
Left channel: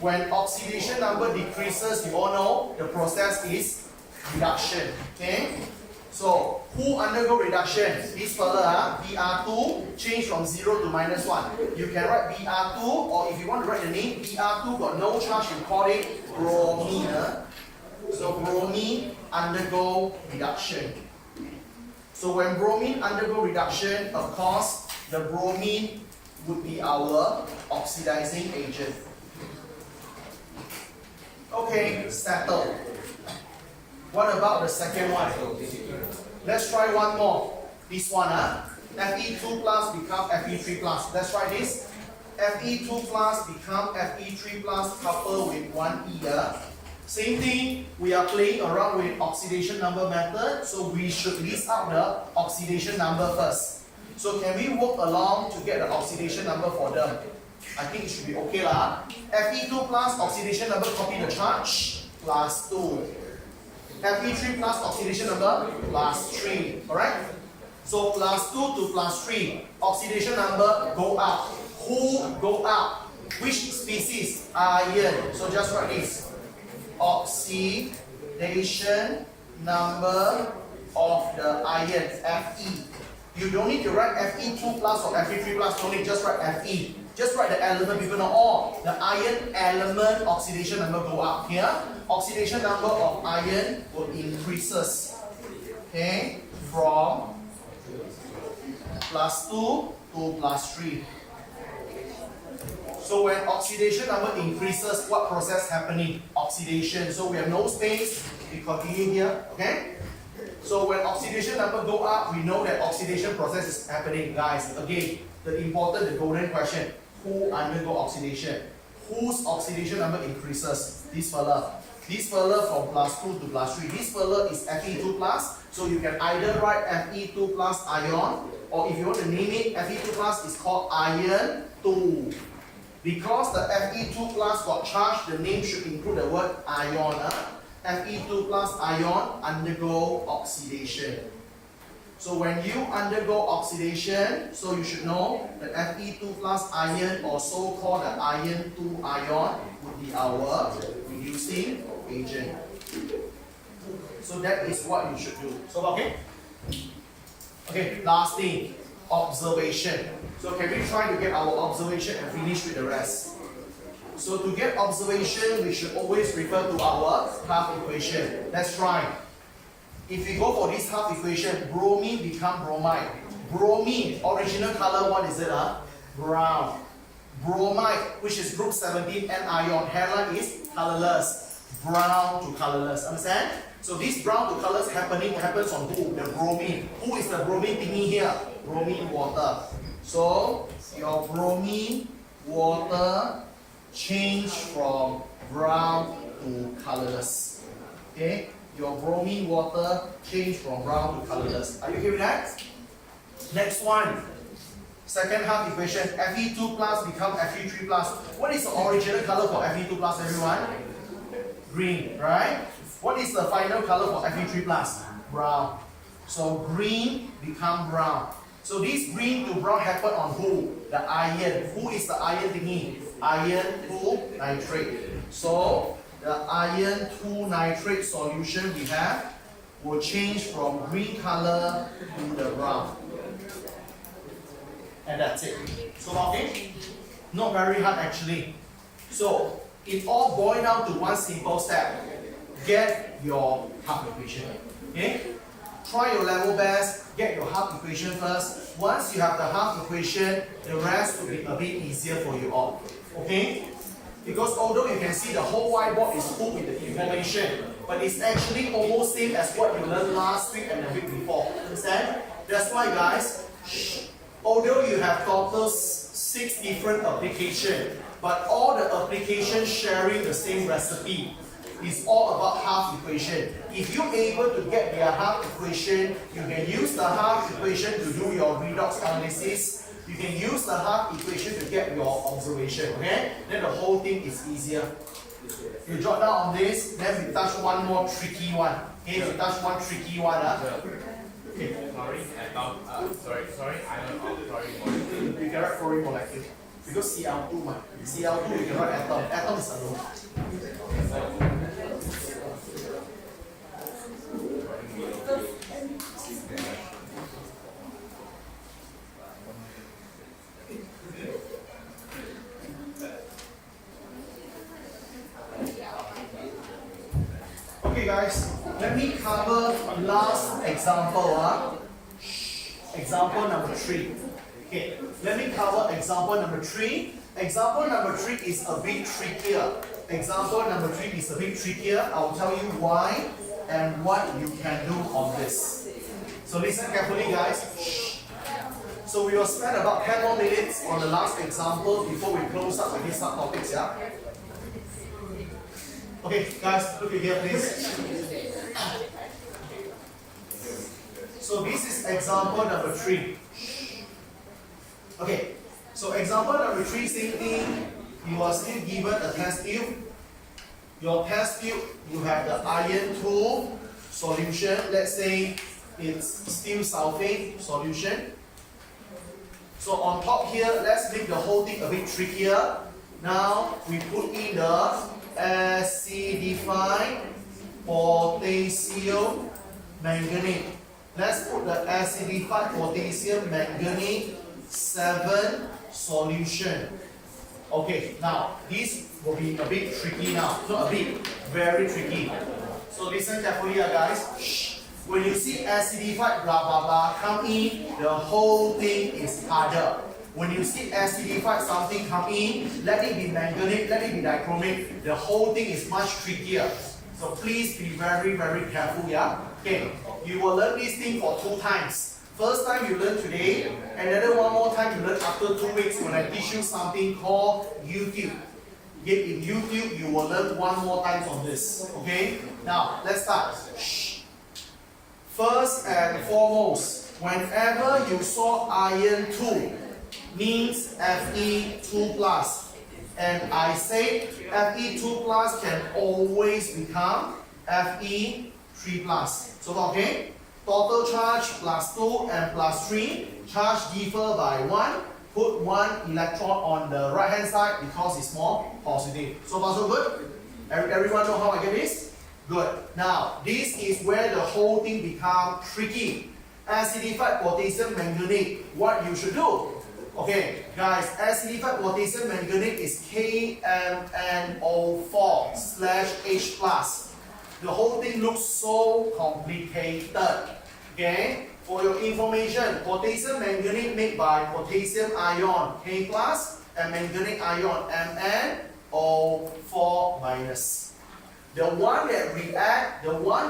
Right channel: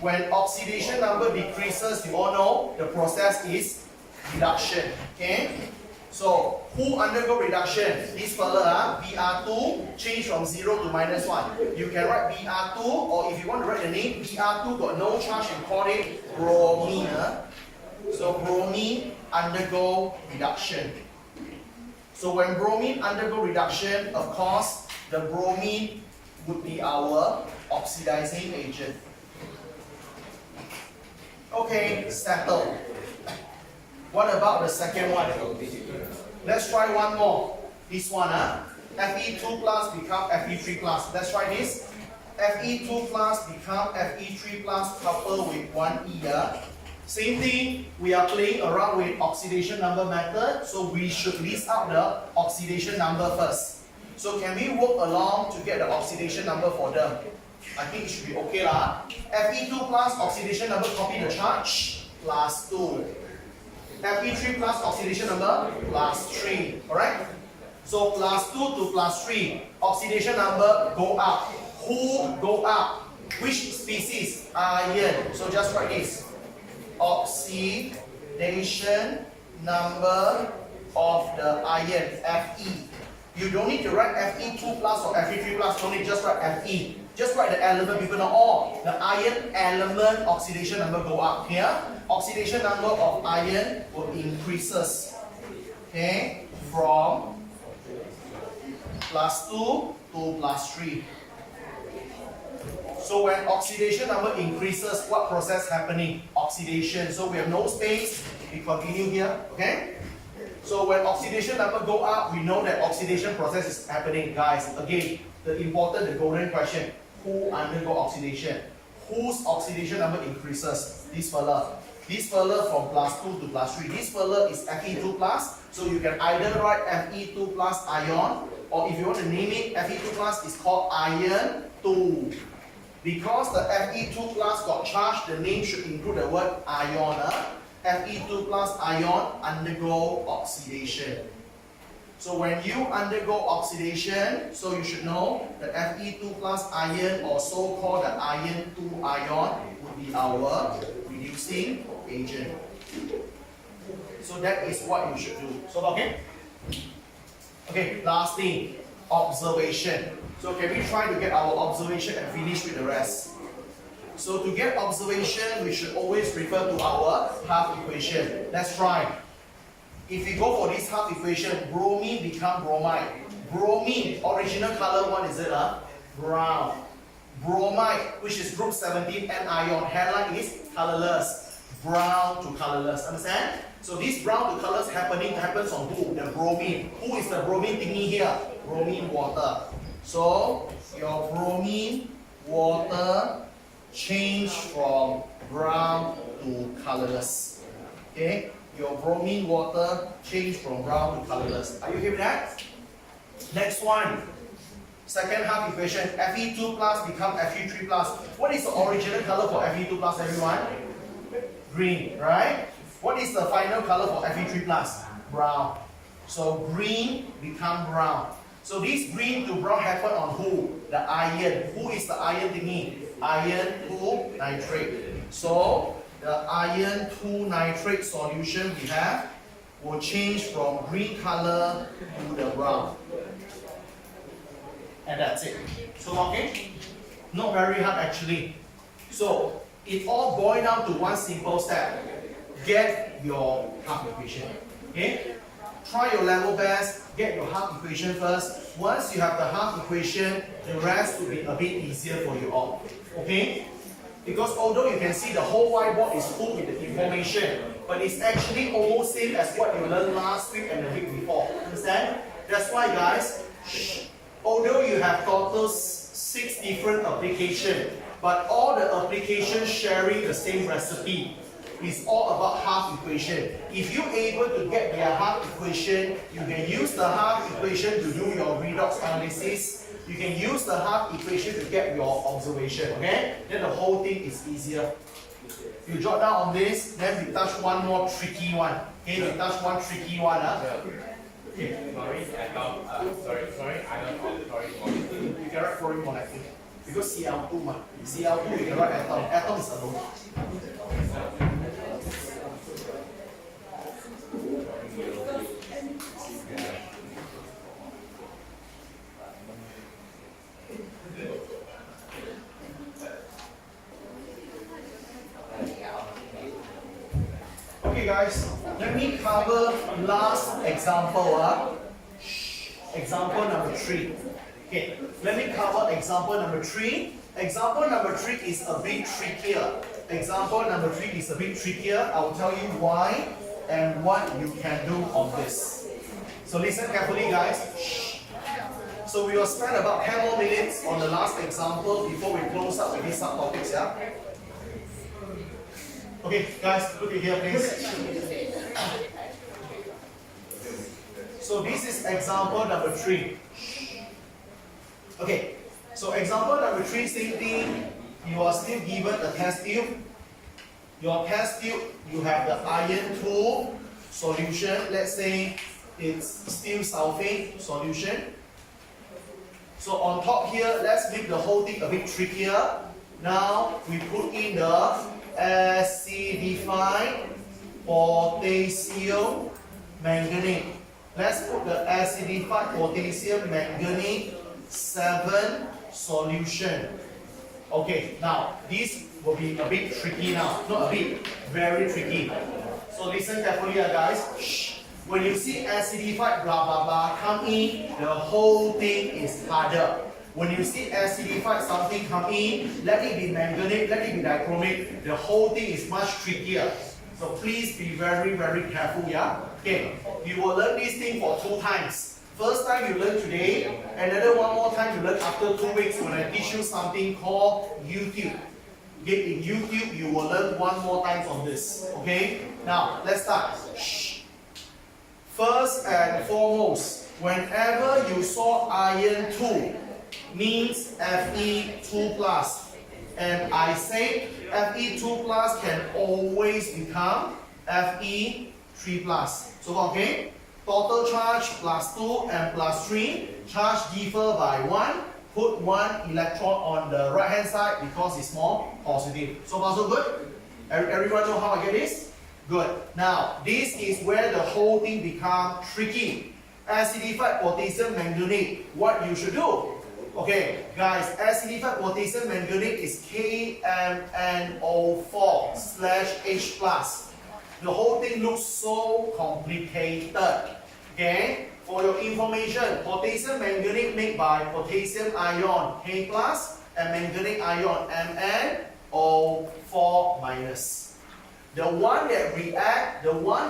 When oxidation number decreases, you all know the process is reduction. Okay? So, who undergo reduction? This fella, Br2, change from 0 to minus 1. You can write Br2, or if you want to write the name, Br2 got no charge, you call it bromine. So, bromine undergo reduction. So, when bromine undergo reduction, of course, the bromine would be our oxidizing agent. Okay, settled. What about the second one? Let's try one more. This one, Fe2 plus become Fe3 plus. Let's try this. Fe2 plus become Fe3 plus coupled with 1e. Same thing, we are playing around with oxidation number method, so we should list out the oxidation number first. So can we work along to get the oxidation number for them? I think it should be okay lah. Fe2 plus oxidation number, copy the charge, plus 2. Fe3 plus oxidation number, plus 3. Alright? So plus 2 to plus 3, oxidation number go up. Who go up? Which species? Iron. So just write this. Oxidation number of the iron, Fe. You don't need to write Fe2 plus or Fe3 plus, don't need, just write Fe. Just write the element, people know all. The iron element oxidation number go up. Here, oxidation number of iron will increases. Okay, from plus 2 to plus 3. So when oxidation number increases, what process happening? Oxidation. So we have no space, we continue here. Okay? So when oxidation number go up, we know that oxidation process is happening. Guys, again, the important, the golden question, who undergo oxidation? Whose oxidation number increases? This fella. This fella from plus 2 to plus 3. This fella is Fe2 plus. So you can either write Fe2 plus ion, or if you want to name it, Fe2 plus is called iron 2. Because the Fe2 plus got charged, the name should include the word ion. Fe2 plus ion undergo oxidation. So when you undergo oxidation, so you should know the Fe2 plus ion, or so-called the iron 2 ion, would be our reducing agent. So that is what you should do. So okay? Okay, last thing, observation. So can we try to get our observation and finish with the rest? So to get observation, we should always refer to our half equation. Let's try. If we go for this half equation, bromine become bromide. Bromine, original color one is it? Brown. Bromide, which is group 17 anion, hairline is colorless. Brown to colorless. Understand? So this brown to colorless happens on who? The bromine. Who is the bromine thingy here? Bromine water. So your bromine water change from brown to colorless. Okay? Your bromine water change from brown to colorless. Are you okay with that? Next one. Second half equation. Fe2 plus become Fe3 plus. What is the original color for Fe2 plus, everyone? Green, right? What is the final color for Fe3 plus? Brown. So green become brown. So this green to brown happen on who? The iron. Who is the iron thingy? Iron 2 nitrate. So the iron 2 nitrate solution we have will change from green color to the brown. And that's it. So okay? Not very hard actually. So it all boils down to one simple step. Get your half equation. Okay? Try your level best, get your half equation first. Once you have the half equation, the rest will be a bit easier for you all. Okay? Because although you can see the whole whiteboard is full with the information, but it's actually almost same as what you learned last week and the week before. Understand? That's why guys, although you have total 6 different applications, but all the applications sharing the same recipe. Is all about half equation. If you're able to get their half equation, you can use the half equation to do your redox analysis. You can use the half equation to get your observation. Okay? Then the whole thing is easier. You jot down on this, then we touch one more tricky one. Okay, we touch one tricky one. Okay. Sorry, You can write fluorine molecule. Because Cl2, Cl2 you can write atom. Atom is alone. Okay guys, let me cover last example. Example number 3. Okay, let me cover example number 3. Example number 3 is a bit trickier. Example number 3 is a bit trickier. I will tell you why and what you can do on this. So listen carefully guys. So we will spend about 10 more minutes on the last example before we close up with these subtopics. Yeah? Okay guys, look at here please. So this is example number 3. Okay, so example number 3, same thing. You are still given a test tube. Your test tube, you have the iron 2 solution. Let's say it's steel sulfate solution. So on top here, let's make the whole thing a bit trickier. Now we put in the acidified potassium manganate. Let's put the acidified potassium manganate 7 solution. Okay, now this will be a bit tricky now. Not a bit, very tricky. So listen carefully guys. When you see acidified blah blah blah come in, the whole thing is harder. When you see acidified something come in, let it be manganate, let it be dichromate, the whole thing is much trickier. So please be very, very careful, yeah? Okay, you will learn this thing for 2 times. First time you learn today, another one more time you learn after 2 weeks when I teach you something called YouTube. Okay, in YouTube you will learn 1 more time on this. Okay, now let's start. First and foremost, whenever you saw iron 2, means Fe2 plus. And I say Fe2 plus can always become Fe3 plus. So okay? Total charge plus 2 and plus 3. Charge differ by 1. Put 1 electron on the right hand side because it's more positive. So far so good? Everyone know how I get this? Good. Now, this is where the whole thing becomes tricky. Acidified potassium manganate, what you should do? Okay, guys, acidified potassium manganate is KMnO4/H+. The whole thing looks so complicated. Okay, for your information, potassium manganate made by potassium ion K+, and manganate ion MnO4-. The one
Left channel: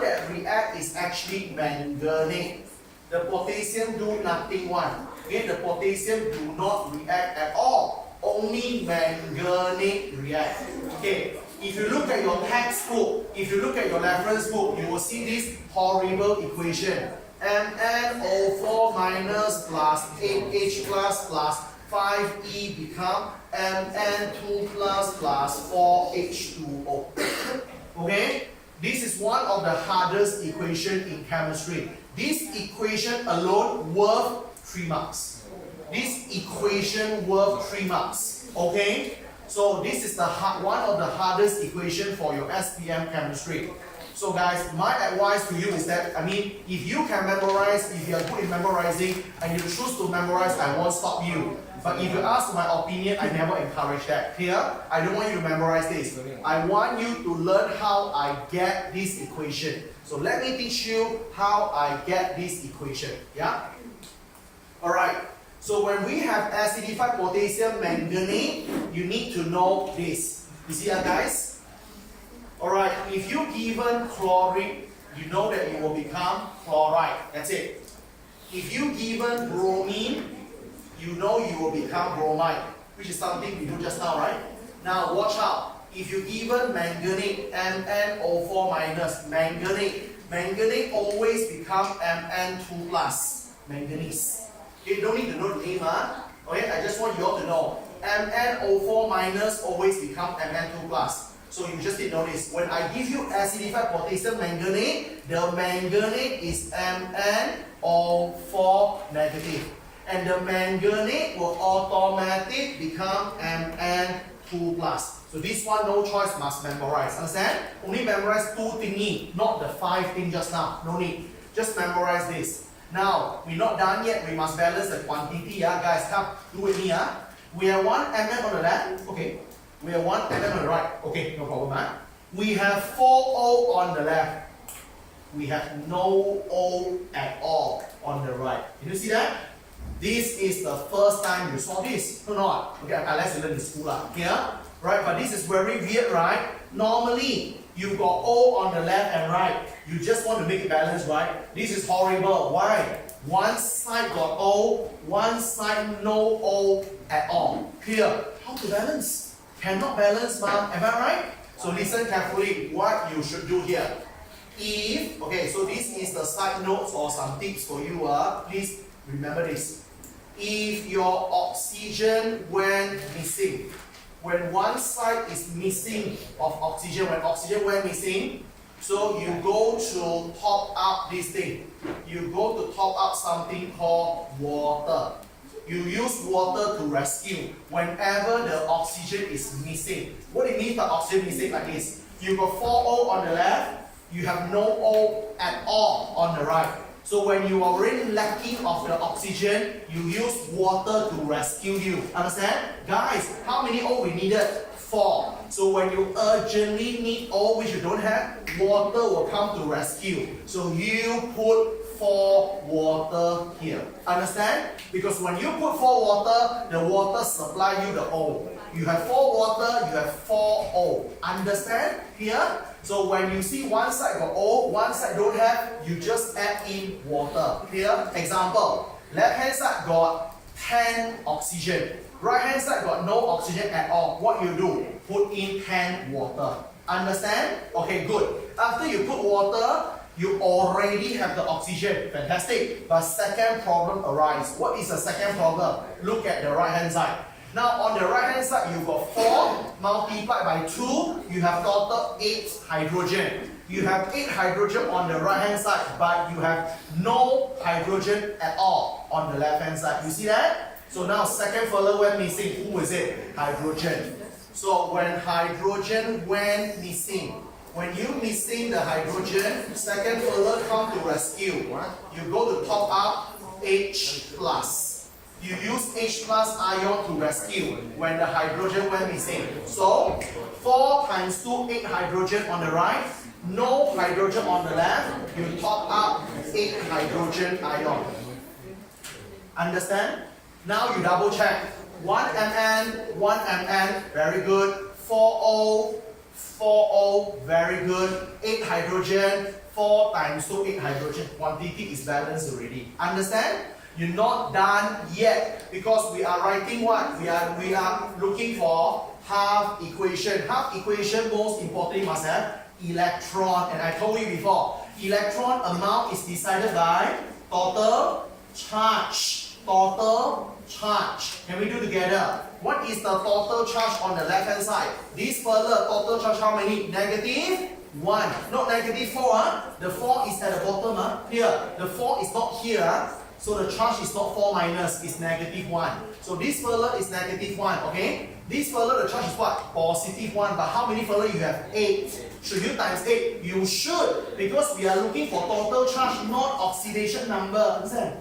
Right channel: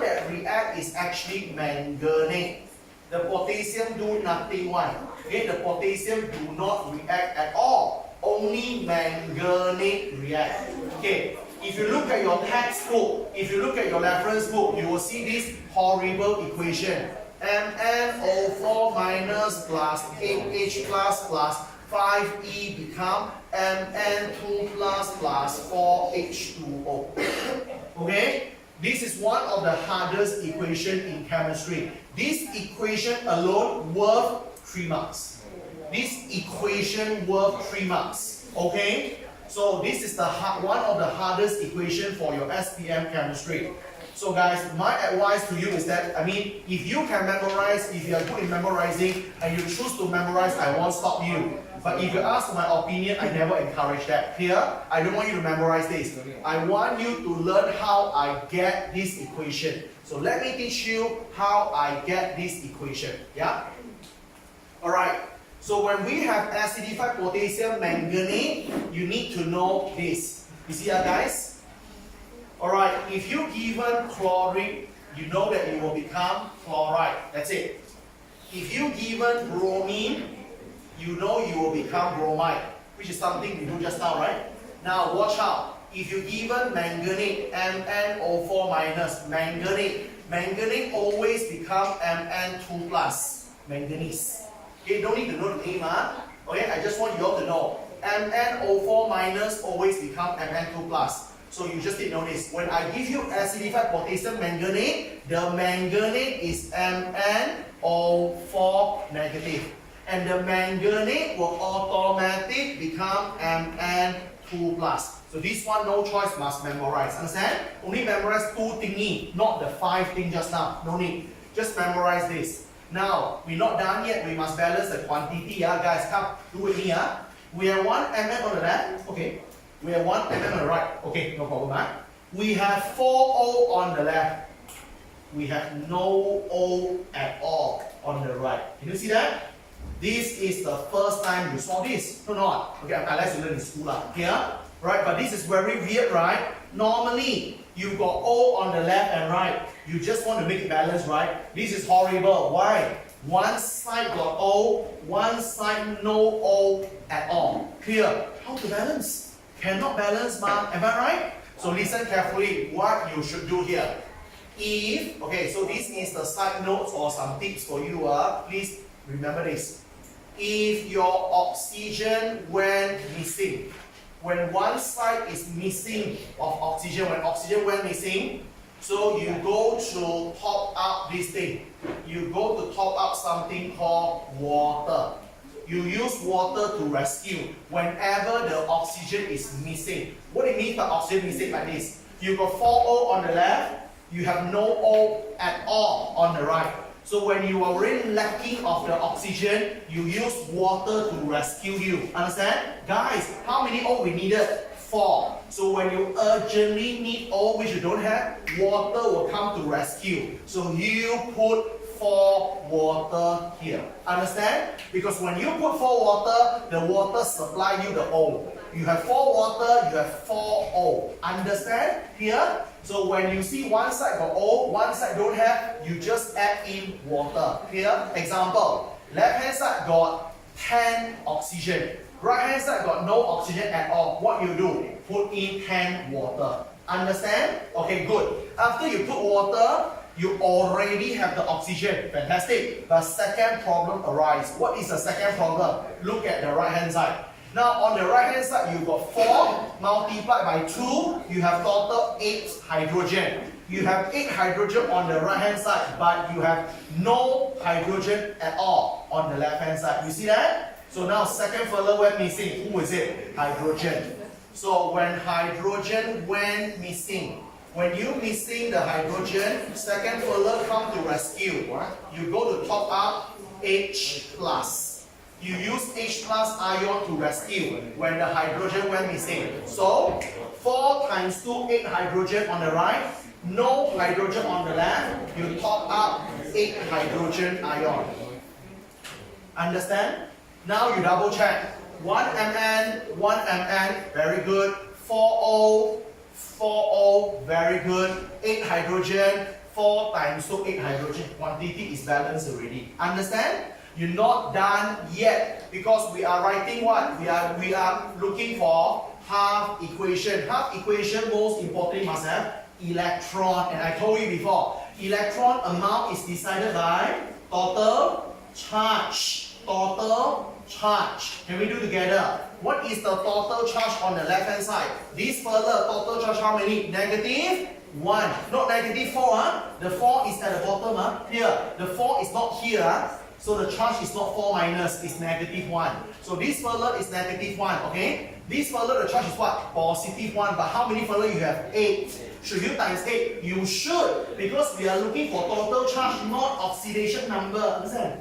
that react is actually manganate. The potassium do nothing one. Okay, the potassium do not react at all. Only manganate react. Okay, if you look at your textbook, if you look at your reference book, you will see this horrible equation. MnO4- plus 8H plus 5E become Mn2 plus 4H2O. Okay, this is one of the hardest equation in chemistry. This equation alone worth 3 marks. This equation worth 3 marks. Okay, so this is the one of the hardest equation for your SPM chemistry. So guys, my advice to you is that, if you can memorize, if you are good in memorizing and you choose to memorize, I won't stop you. But if you ask my opinion, I never encourage that. Here, I don't want you to memorize this. I want you to learn how I get this equation. So let me teach you how I get this equation. Yeah? Alright. So when we have acidified potassium manganate, you need to know this. You see guys? Alright, if you given chlorine, you know that it will become chloride. That's it. If you given bromine, you know you will become bromide, which is something we do just now, right? Now watch out. If you given manganate, MnO4- manganate always become Mn2 plus, manganese. Okay, don't need to know the name, okay, I just want you all to know. MnO4- always become Mn2 plus. So you just need to know this. When I give you acidified potassium manganate, the manganate is MnO4 negative. And the manganate will automatically become Mn2 plus. So this one, no choice, must memorize. Understand? Only memorize 2 thingy, not the 5 thing just now. No need. Just memorize this. Now, we're not done yet. We must balance the quantity. Guys, come, do with me. We have 1 Mn on the left. Okay. We have 1 Mn on the right. Okay, no problem. We have 4 O on the left. We have no O at all on the right. Can you see that? This is the first time you saw this. No, not. Okay, unless you learn in school. Here, right? But this is very weird, right? Normally, you've got O on the left and right. You just want to make it balanced, right? This is horrible. Why? One side got O, one side no O at all. Clear? How to balance? Cannot balance, ma. Am I right? So listen carefully what you should do here. If, okay, so this is the side notes or some tips for you. Please remember this. If your oxygen went missing, when one side is missing of oxygen, when oxygen went missing, so you go to top up this thing. You go to top up something called water. You use water to rescue whenever the oxygen is missing. What it means by oxygen missing like this? You got 4O on the left, you have no O at all on the right. So when you are really lacking of the oxygen, you use water to rescue you. Understand? Guys, how many O we needed? 4. So when you urgently need O, which you don't have, water will come to rescue. So you put 4 water here. Understand? Because when you put 4 water, the water supply you the O. You have 4 water, you have 4 O. Understand? Here? So when you see one side got O, one side don't have, you just add in water. Here? Example. Left hand side got 10 oxygen. Right hand side got no oxygen at all. What you do? Put in 10 water. Understand? Okay, good. After you put water, you already have the oxygen. Fantastic. But second problem arises. What is the second problem? Look at the right hand side. Now on the right hand side, you got 4 multiplied by 2, you have total 8 hydrogen. You have 8 hydrogen on the right hand side, but you have no hydrogen at all on the left hand side. You see that? So now second further went missing. Who is it? Hydrogen. So when hydrogen went missing, when you missing the hydrogen, second further come to rescue. You go to top up H plus. You use H plus ion to rescue when the hydrogen went missing. So 4 times 2, 8 hydrogen on the right, no hydrogen on the left. You top up 8 hydrogen ion. Understand? Now you double check. 1 Mn, 1 Mn, very good. 4O, 4O, very good. 8 hydrogen, 4 times 2, 8 hydrogen. Quantity is balanced already. Understand? You're not done yet because we are writing what? We are looking for half equation. Half equation most importantly must have electron. And I told you before, electron amount is decided by total charge. Total charge. Can we do together? What is the total charge on the left hand side? This further total charge how many? Negative 1. Not negative 4. Huh? The 4 is at the bottom. Huh? Here. The 4 is not here. So the charge is not 4 minus, it's negative 1. So this further is negative 1, okay? This further, the charge is what? Positive 1. But how many further you have? 8. Should you times 8? You should. Because we are looking for total charge, not oxidation number. Understand?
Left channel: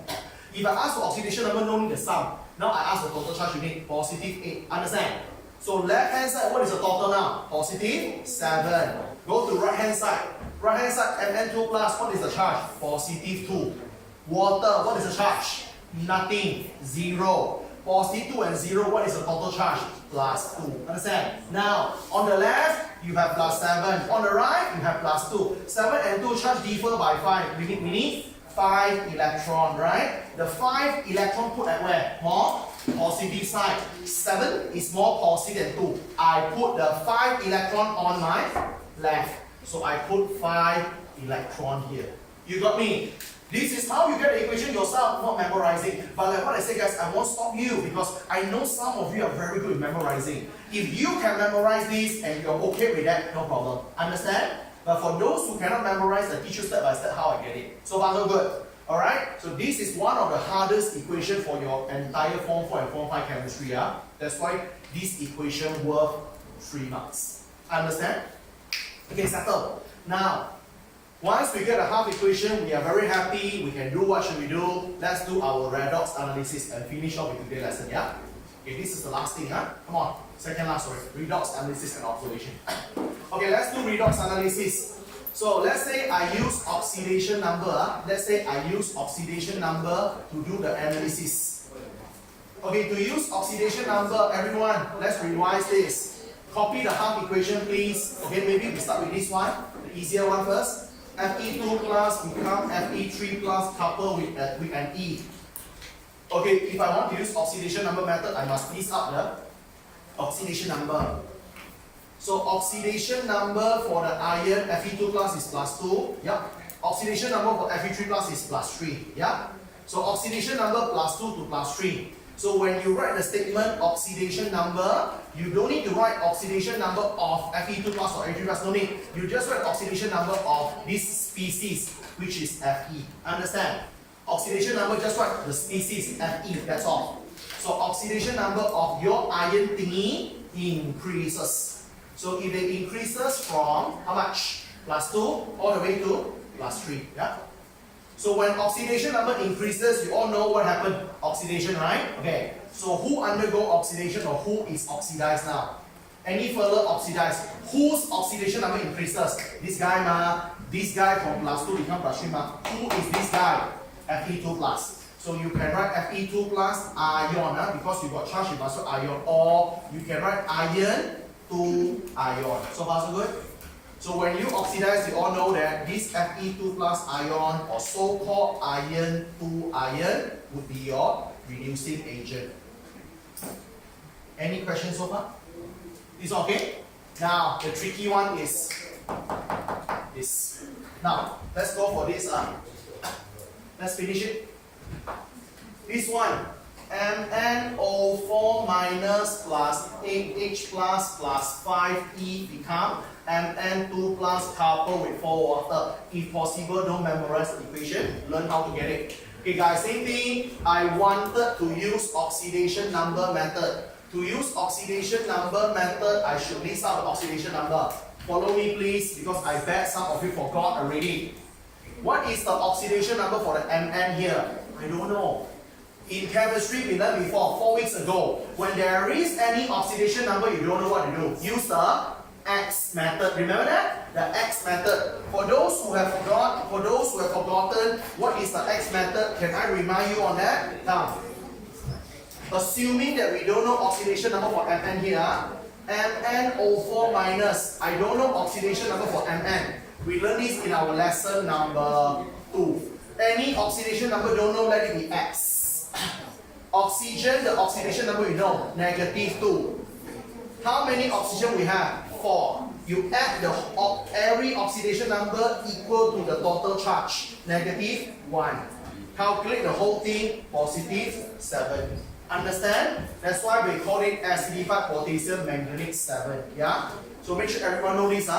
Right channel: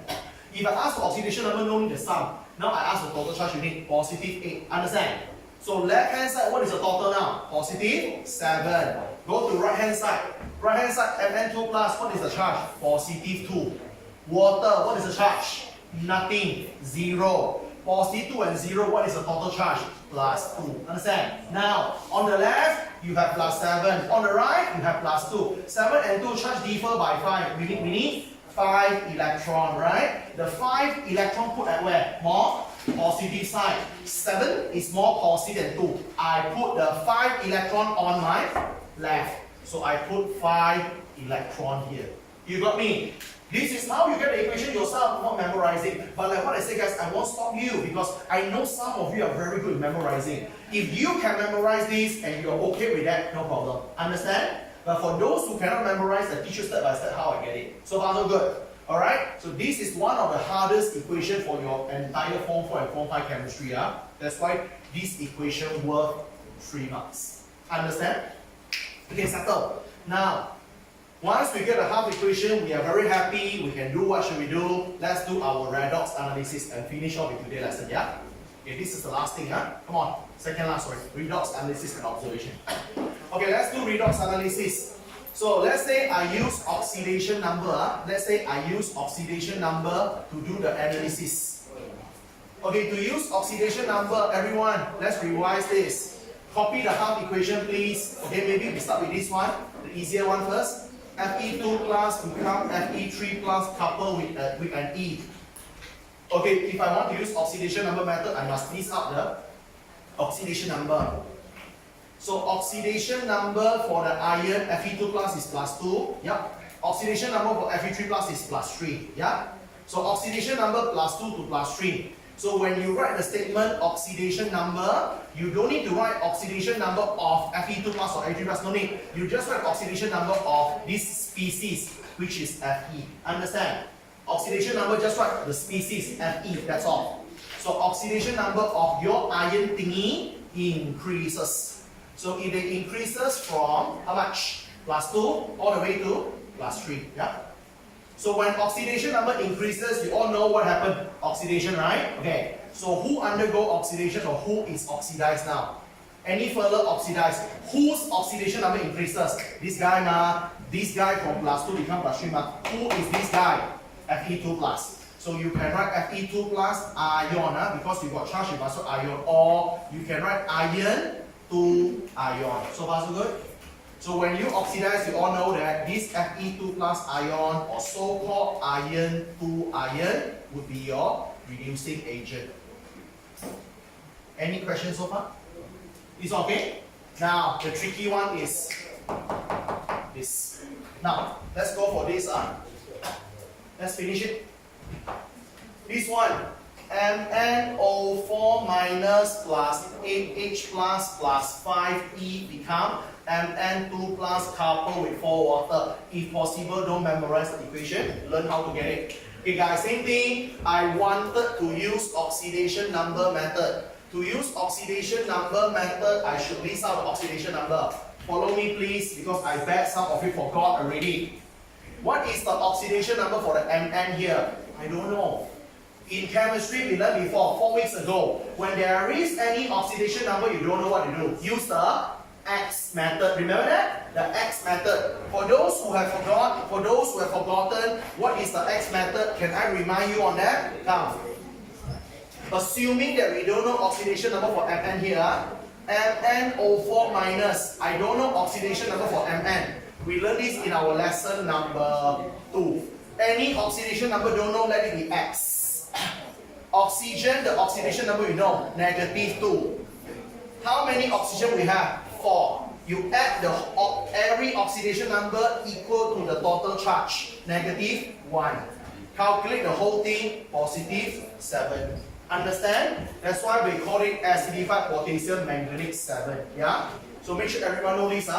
If I ask for oxidation number, no need the sum. Now I ask for total charge, you need positive 8. Understand? So left hand side, what is the total now? Positive 7. Go to right hand side. Right hand side, Mn2 plus, what is the charge? Positive 2. Water, what is the charge? Nothing, 0. Positive 2 and 0, what is the total charge? Plus 2. Understand? Now, on the left, you have plus 7. On the right, you have plus 2. 7 and 2 charge differ by 5. We need 5 electron, right? The 5 electron put at where? More positive side. 7 is more positive than 2. I put the 5 electron on my left. So I put 5 electron here. You got me? This is how you get the equation yourself, not memorizing. But like what I say guys, I won't stop you because I know some of you are very good at memorizing. If you can memorize this and you're okay with that, no problem. Understand? But for those who cannot memorize, I teach you step by step how I get it. So far so good. Alright? So this is one of the hardest equation for your entire Form 4 and Form 5 chemistry. That's why this equation worth 3 marks. Understand? Okay, settle. Now, once we get a half equation, we are very happy. We can do what should we do? Let's do our redox analysis and finish off with today's lesson, yeah? Okay, this is the last thing, huh? Come on, second last, sorry. Redox analysis and observation. Okay, let's do redox analysis. So let's say I use oxidation number. Let's say I use oxidation number to do the analysis. Okay, to use oxidation number, everyone, let's revise this. Copy the half equation, please. Okay, maybe we start with this one, the easier one first. Fe2 plus become Fe3 plus coupled with an E. Okay, if I want to use oxidation number method, I must list up the oxidation number. So oxidation number for the iron Fe2 plus is plus 2. Yep. Oxidation number for Fe3 plus is plus 3. Yep. So oxidation number plus 2 to plus 3. So when you write the statement oxidation number, you don't need to write oxidation number of Fe2 plus or Fe3 plus, no need. You just write oxidation number of this species, which is Fe. Understand? Oxidation number, just write the species Fe, that's all. So oxidation number of your iron thingy increases. So if it increases from how much? Plus 2 all the way to plus 3. Yeah? So when oxidation number increases, you all know what happened. Oxidation, right? Okay. So who undergo oxidation or who is oxidized now? Any further oxidized? Whose oxidation number increases? This guy ma. This guy from plus 2 become plus 3 ma. Who is this guy? Fe2 plus. So you can write Fe2 plus ion because you got charge, you must write ion. Or you can write iron to ion. So far so good? So when you oxidize, you all know that this Fe2 plus ion or so-called iron to ion would be your reducing agent. Any questions so far? Is okay? Now, the tricky one is this. Now, let's go for this. Let's finish it. This one, MnO4 minus plus 8H plus 5E become Mn2 plus coupled with 4 water. If possible, don't memorize the equation, learn how to get it. Okay guys, same thing. I wanted to use oxidation number method. To use oxidation number method, I should list out the oxidation number. Follow me please, because I bet some of you forgot already. What is the oxidation number for the Mn here? I don't know. In chemistry, we learned before, 4 weeks ago. When there is any oxidation number, you don't know what to do. Use the X method. Remember that? The X method. For those who have forgotten what is the X method, can I remind you on that? Now, assuming that we don't know oxidation number for Mn here, MnO4 minus, I don't know oxidation number for Mn. We learned this in our lesson number 2. Any oxidation number don't know, let it be X. Oxygen, the oxidation number we know, -2. How many oxygen we have? 4. You add every oxidation number equal to the total charge, -1. Calculate the whole thing, +7. Understand? That's why we call it acidified potassium manganate 7. Yeah? So make sure everyone knows this.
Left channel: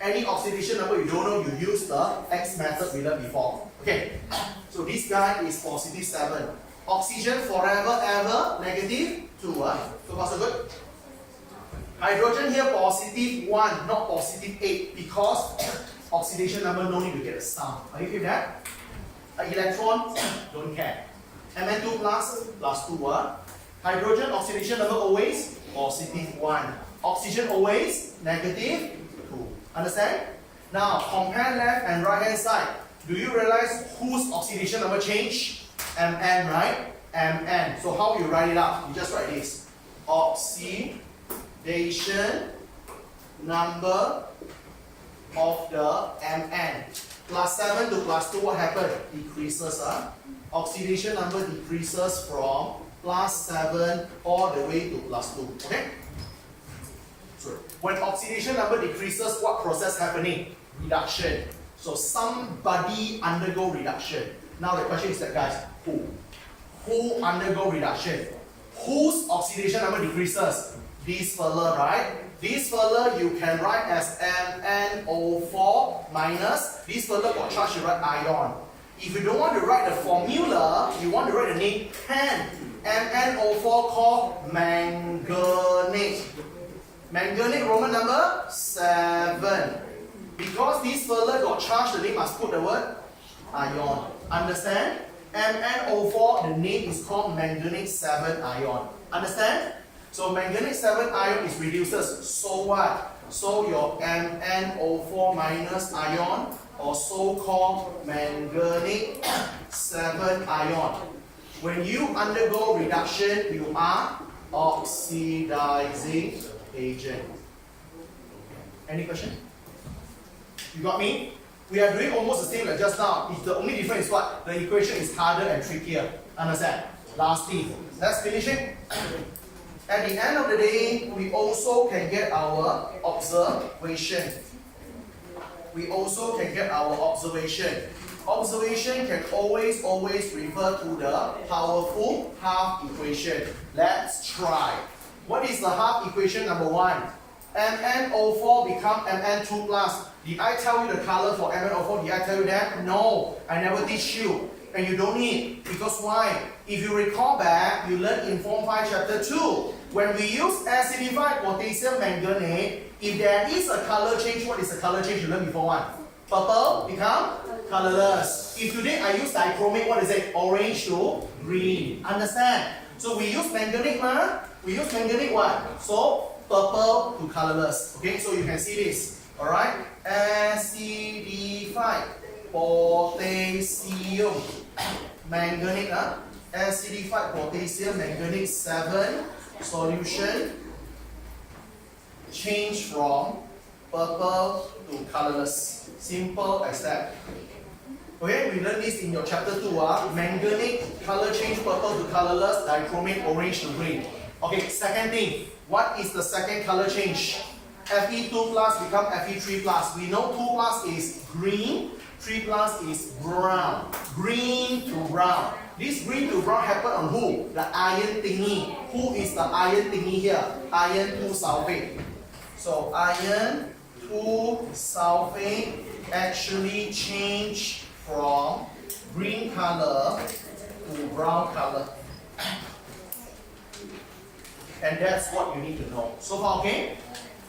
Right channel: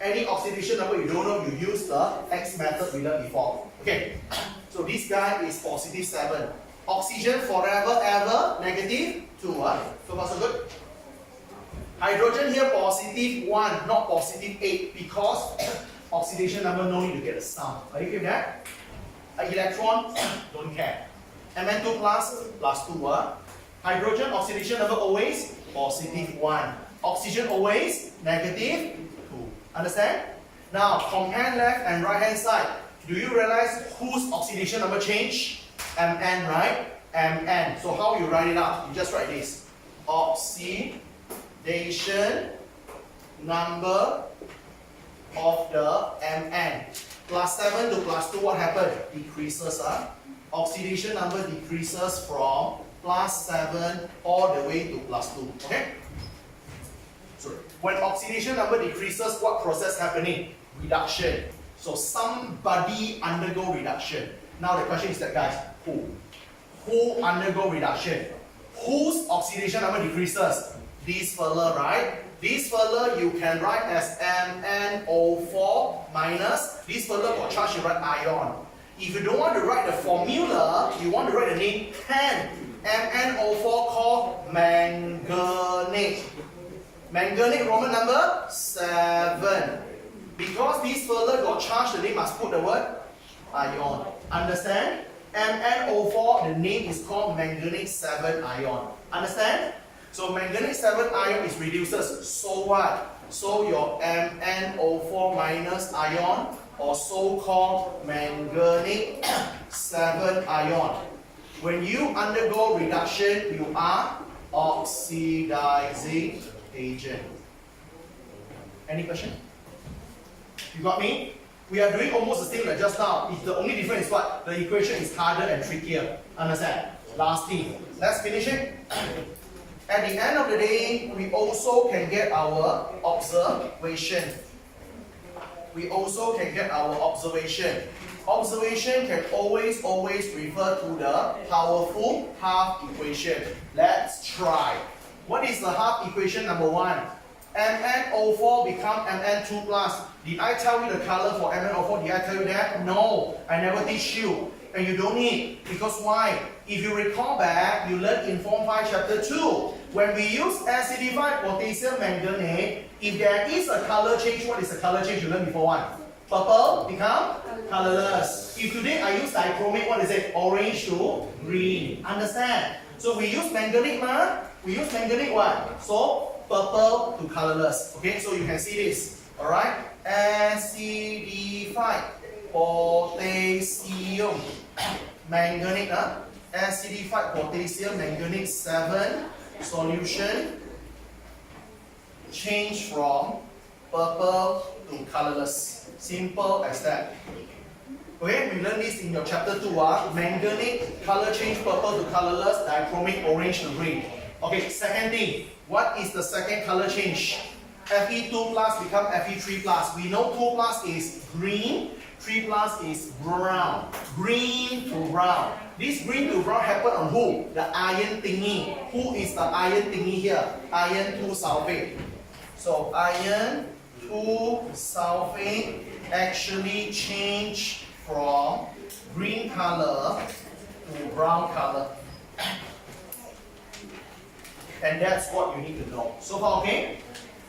Any oxidation number you don't know, you use the X method we learned before. Okay. So this guy is +7. Oxygen forever ever -2. So far so good. Hydrogen here +1, not +8, because oxidation number no need to get a sum. Are you with that? Electron, don't care. Mn2 plus +2. Hydrogen oxidation number always +1. Oxygen always -2. Understand? Now compare left and right hand side. Do you realize whose oxidation number change? Mn, right? Mn. So how you write it out? You just write this. Oxidation number of the Mn. +7 to +2, what happened? Decreases. Oxidation number decreases from +7 all the way to +2. Okay? So when oxidation number decreases, what process happening? Reduction. So somebody undergo reduction. Now the question is that, guys, who? Who undergo reduction? Whose oxidation number decreases? This fella, right? This fella you can write as MnO4 minus. This fella got charge, you write ion. If you don't want to write the formula, you want to write the name, can. MnO4 called manganate. Manganate Roman number 7. Because this fella got charged, the name must put the word ion. Understand? MnO4, the name is called manganate 7 ion. Understand? So manganate 7 ion is reduces. So what? So your MnO4 minus ion, or so-called manganate 7 ion. When you undergo reduction, you are oxidizing agent. Any question? You got me? We are doing almost the same like just now. It's the only difference is what? The equation is harder and trickier. Understand? Lastly, let's finish it. At the end of the day, we also can get our observation. Observation can always refer to the powerful half equation. Let's try. What is the half equation number 1? MnO4 become Mn2 plus. Did I tell you the color for MnO4? Did I tell you that? No, I never teach you. And you don't need. Because why? If you recall back, you learned in Form 5 Chapter 2. When we use acidified potassium manganate, if there is a color change, what is the color change you learned before one? Purple become colorless. If today I use dichromate, what is it? Orange to green. Understand? So we use manganate, we use manganate what? So purple to colorless. Okay, so you can see this. Alright? Acidified potassium manganate. Acidified potassium manganate 7 solution change from purple to colorless. Simple as that. Okay, we learned this in your chapter 2. Manganate color change purple to colorless, dichromate orange to green. Okay, second thing. What is the second color change? Fe2 plus become Fe3 plus. We know 2 plus is green, 3 plus is brown. Green to brown. This green to brown happen on who? The iron thingy. Who is the iron thingy here? Iron 2 sulfate. So iron 2 sulfate actually change from green color to brown color. And that's what you need to know. So far, okay?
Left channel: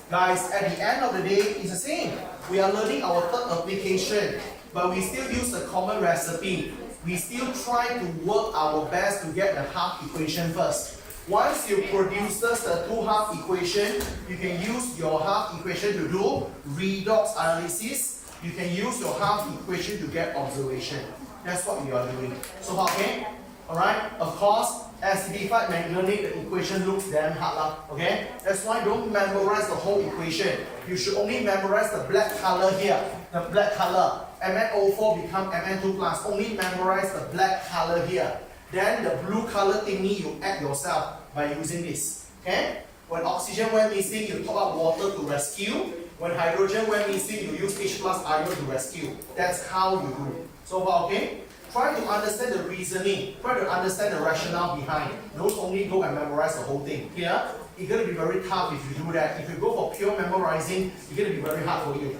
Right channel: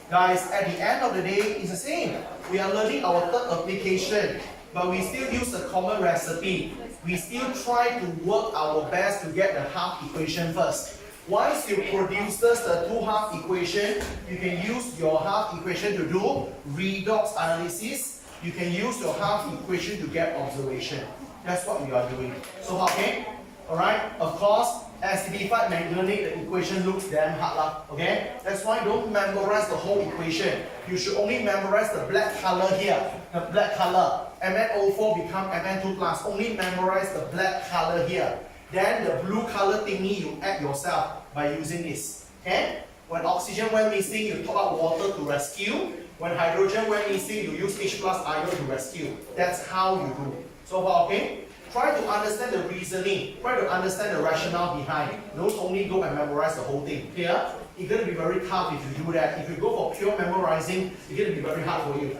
Guys, at the end of the day, it's the same. We are learning our third application, but we still use the common recipe. We still try to work our best to get the half equation first. Once you produce the two half equation, you can use your half equation to do redox analysis. You can use your half equation to get observation. That's what we are doing. So far, okay? Alright? Of course, acidified manganate, the equation looks damn hard lah. Okay? That's why don't memorize the whole equation. You should only memorize the black color here. The black color. MnO4 become Mn2 plus. Only memorize the black color here. Then the blue color thingy you add yourself by using this. Okay? When oxygen went missing, you top up water to rescue. When hydrogen went missing, you use H plus ion to rescue. That's how you do. So far, okay? Try to understand the reasoning. Try to understand the rationale behind. Don't only go and memorize the whole thing. Clear? It's going to be very tough if you do that. If you go for pure memorizing, it's going to be very hard for you.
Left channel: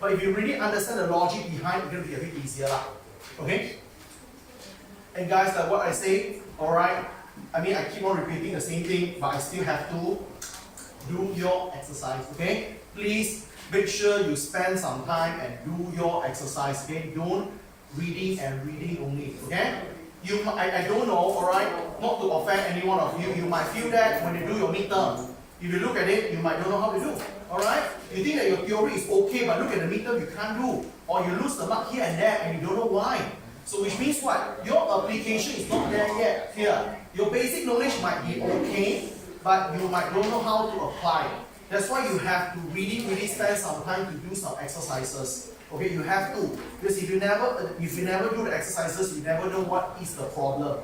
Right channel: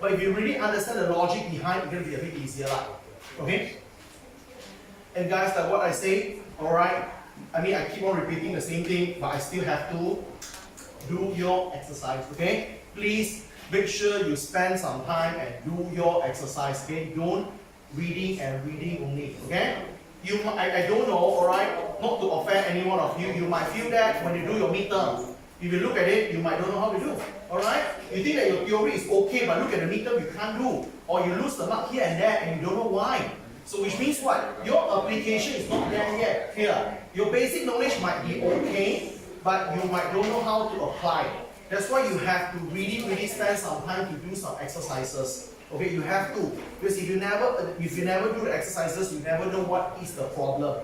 But if you really understand the logic behind, it's going to be a bit easier. Okay? And guys, like what I say, alright, I mean, I keep on repeating the same thing, but I still have to do your exercise. Okay? Please make sure you spend some time and do your exercise. Okay? Don't reading and reading only. Okay? I don't know, alright, not to offend any one of you, you might feel that when you do your midterm, if you look at it, you might don't know how to do. Alright? You think that your theory is okay, but look at the midterm, you can't do. Or you lose the mark here and there, and you don't know why. So which means what? Your application is not there yet. Here. Your basic knowledge might be okay, but you might don't know how to apply. That's why you have to really spend some time to do some exercises. Okay, you have to. Because if you never do the exercises, you never know what is the problem.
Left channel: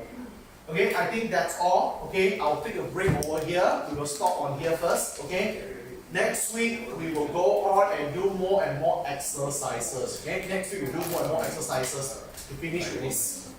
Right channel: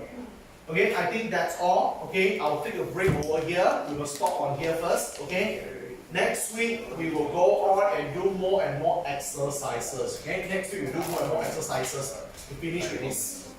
Okay, I think that's all. Okay, I'll take a break over here. We will stop on here first. Okay. Next week, we will go on and do more and more exercises. Okay, next week we'll do more and more exercises to finish with this.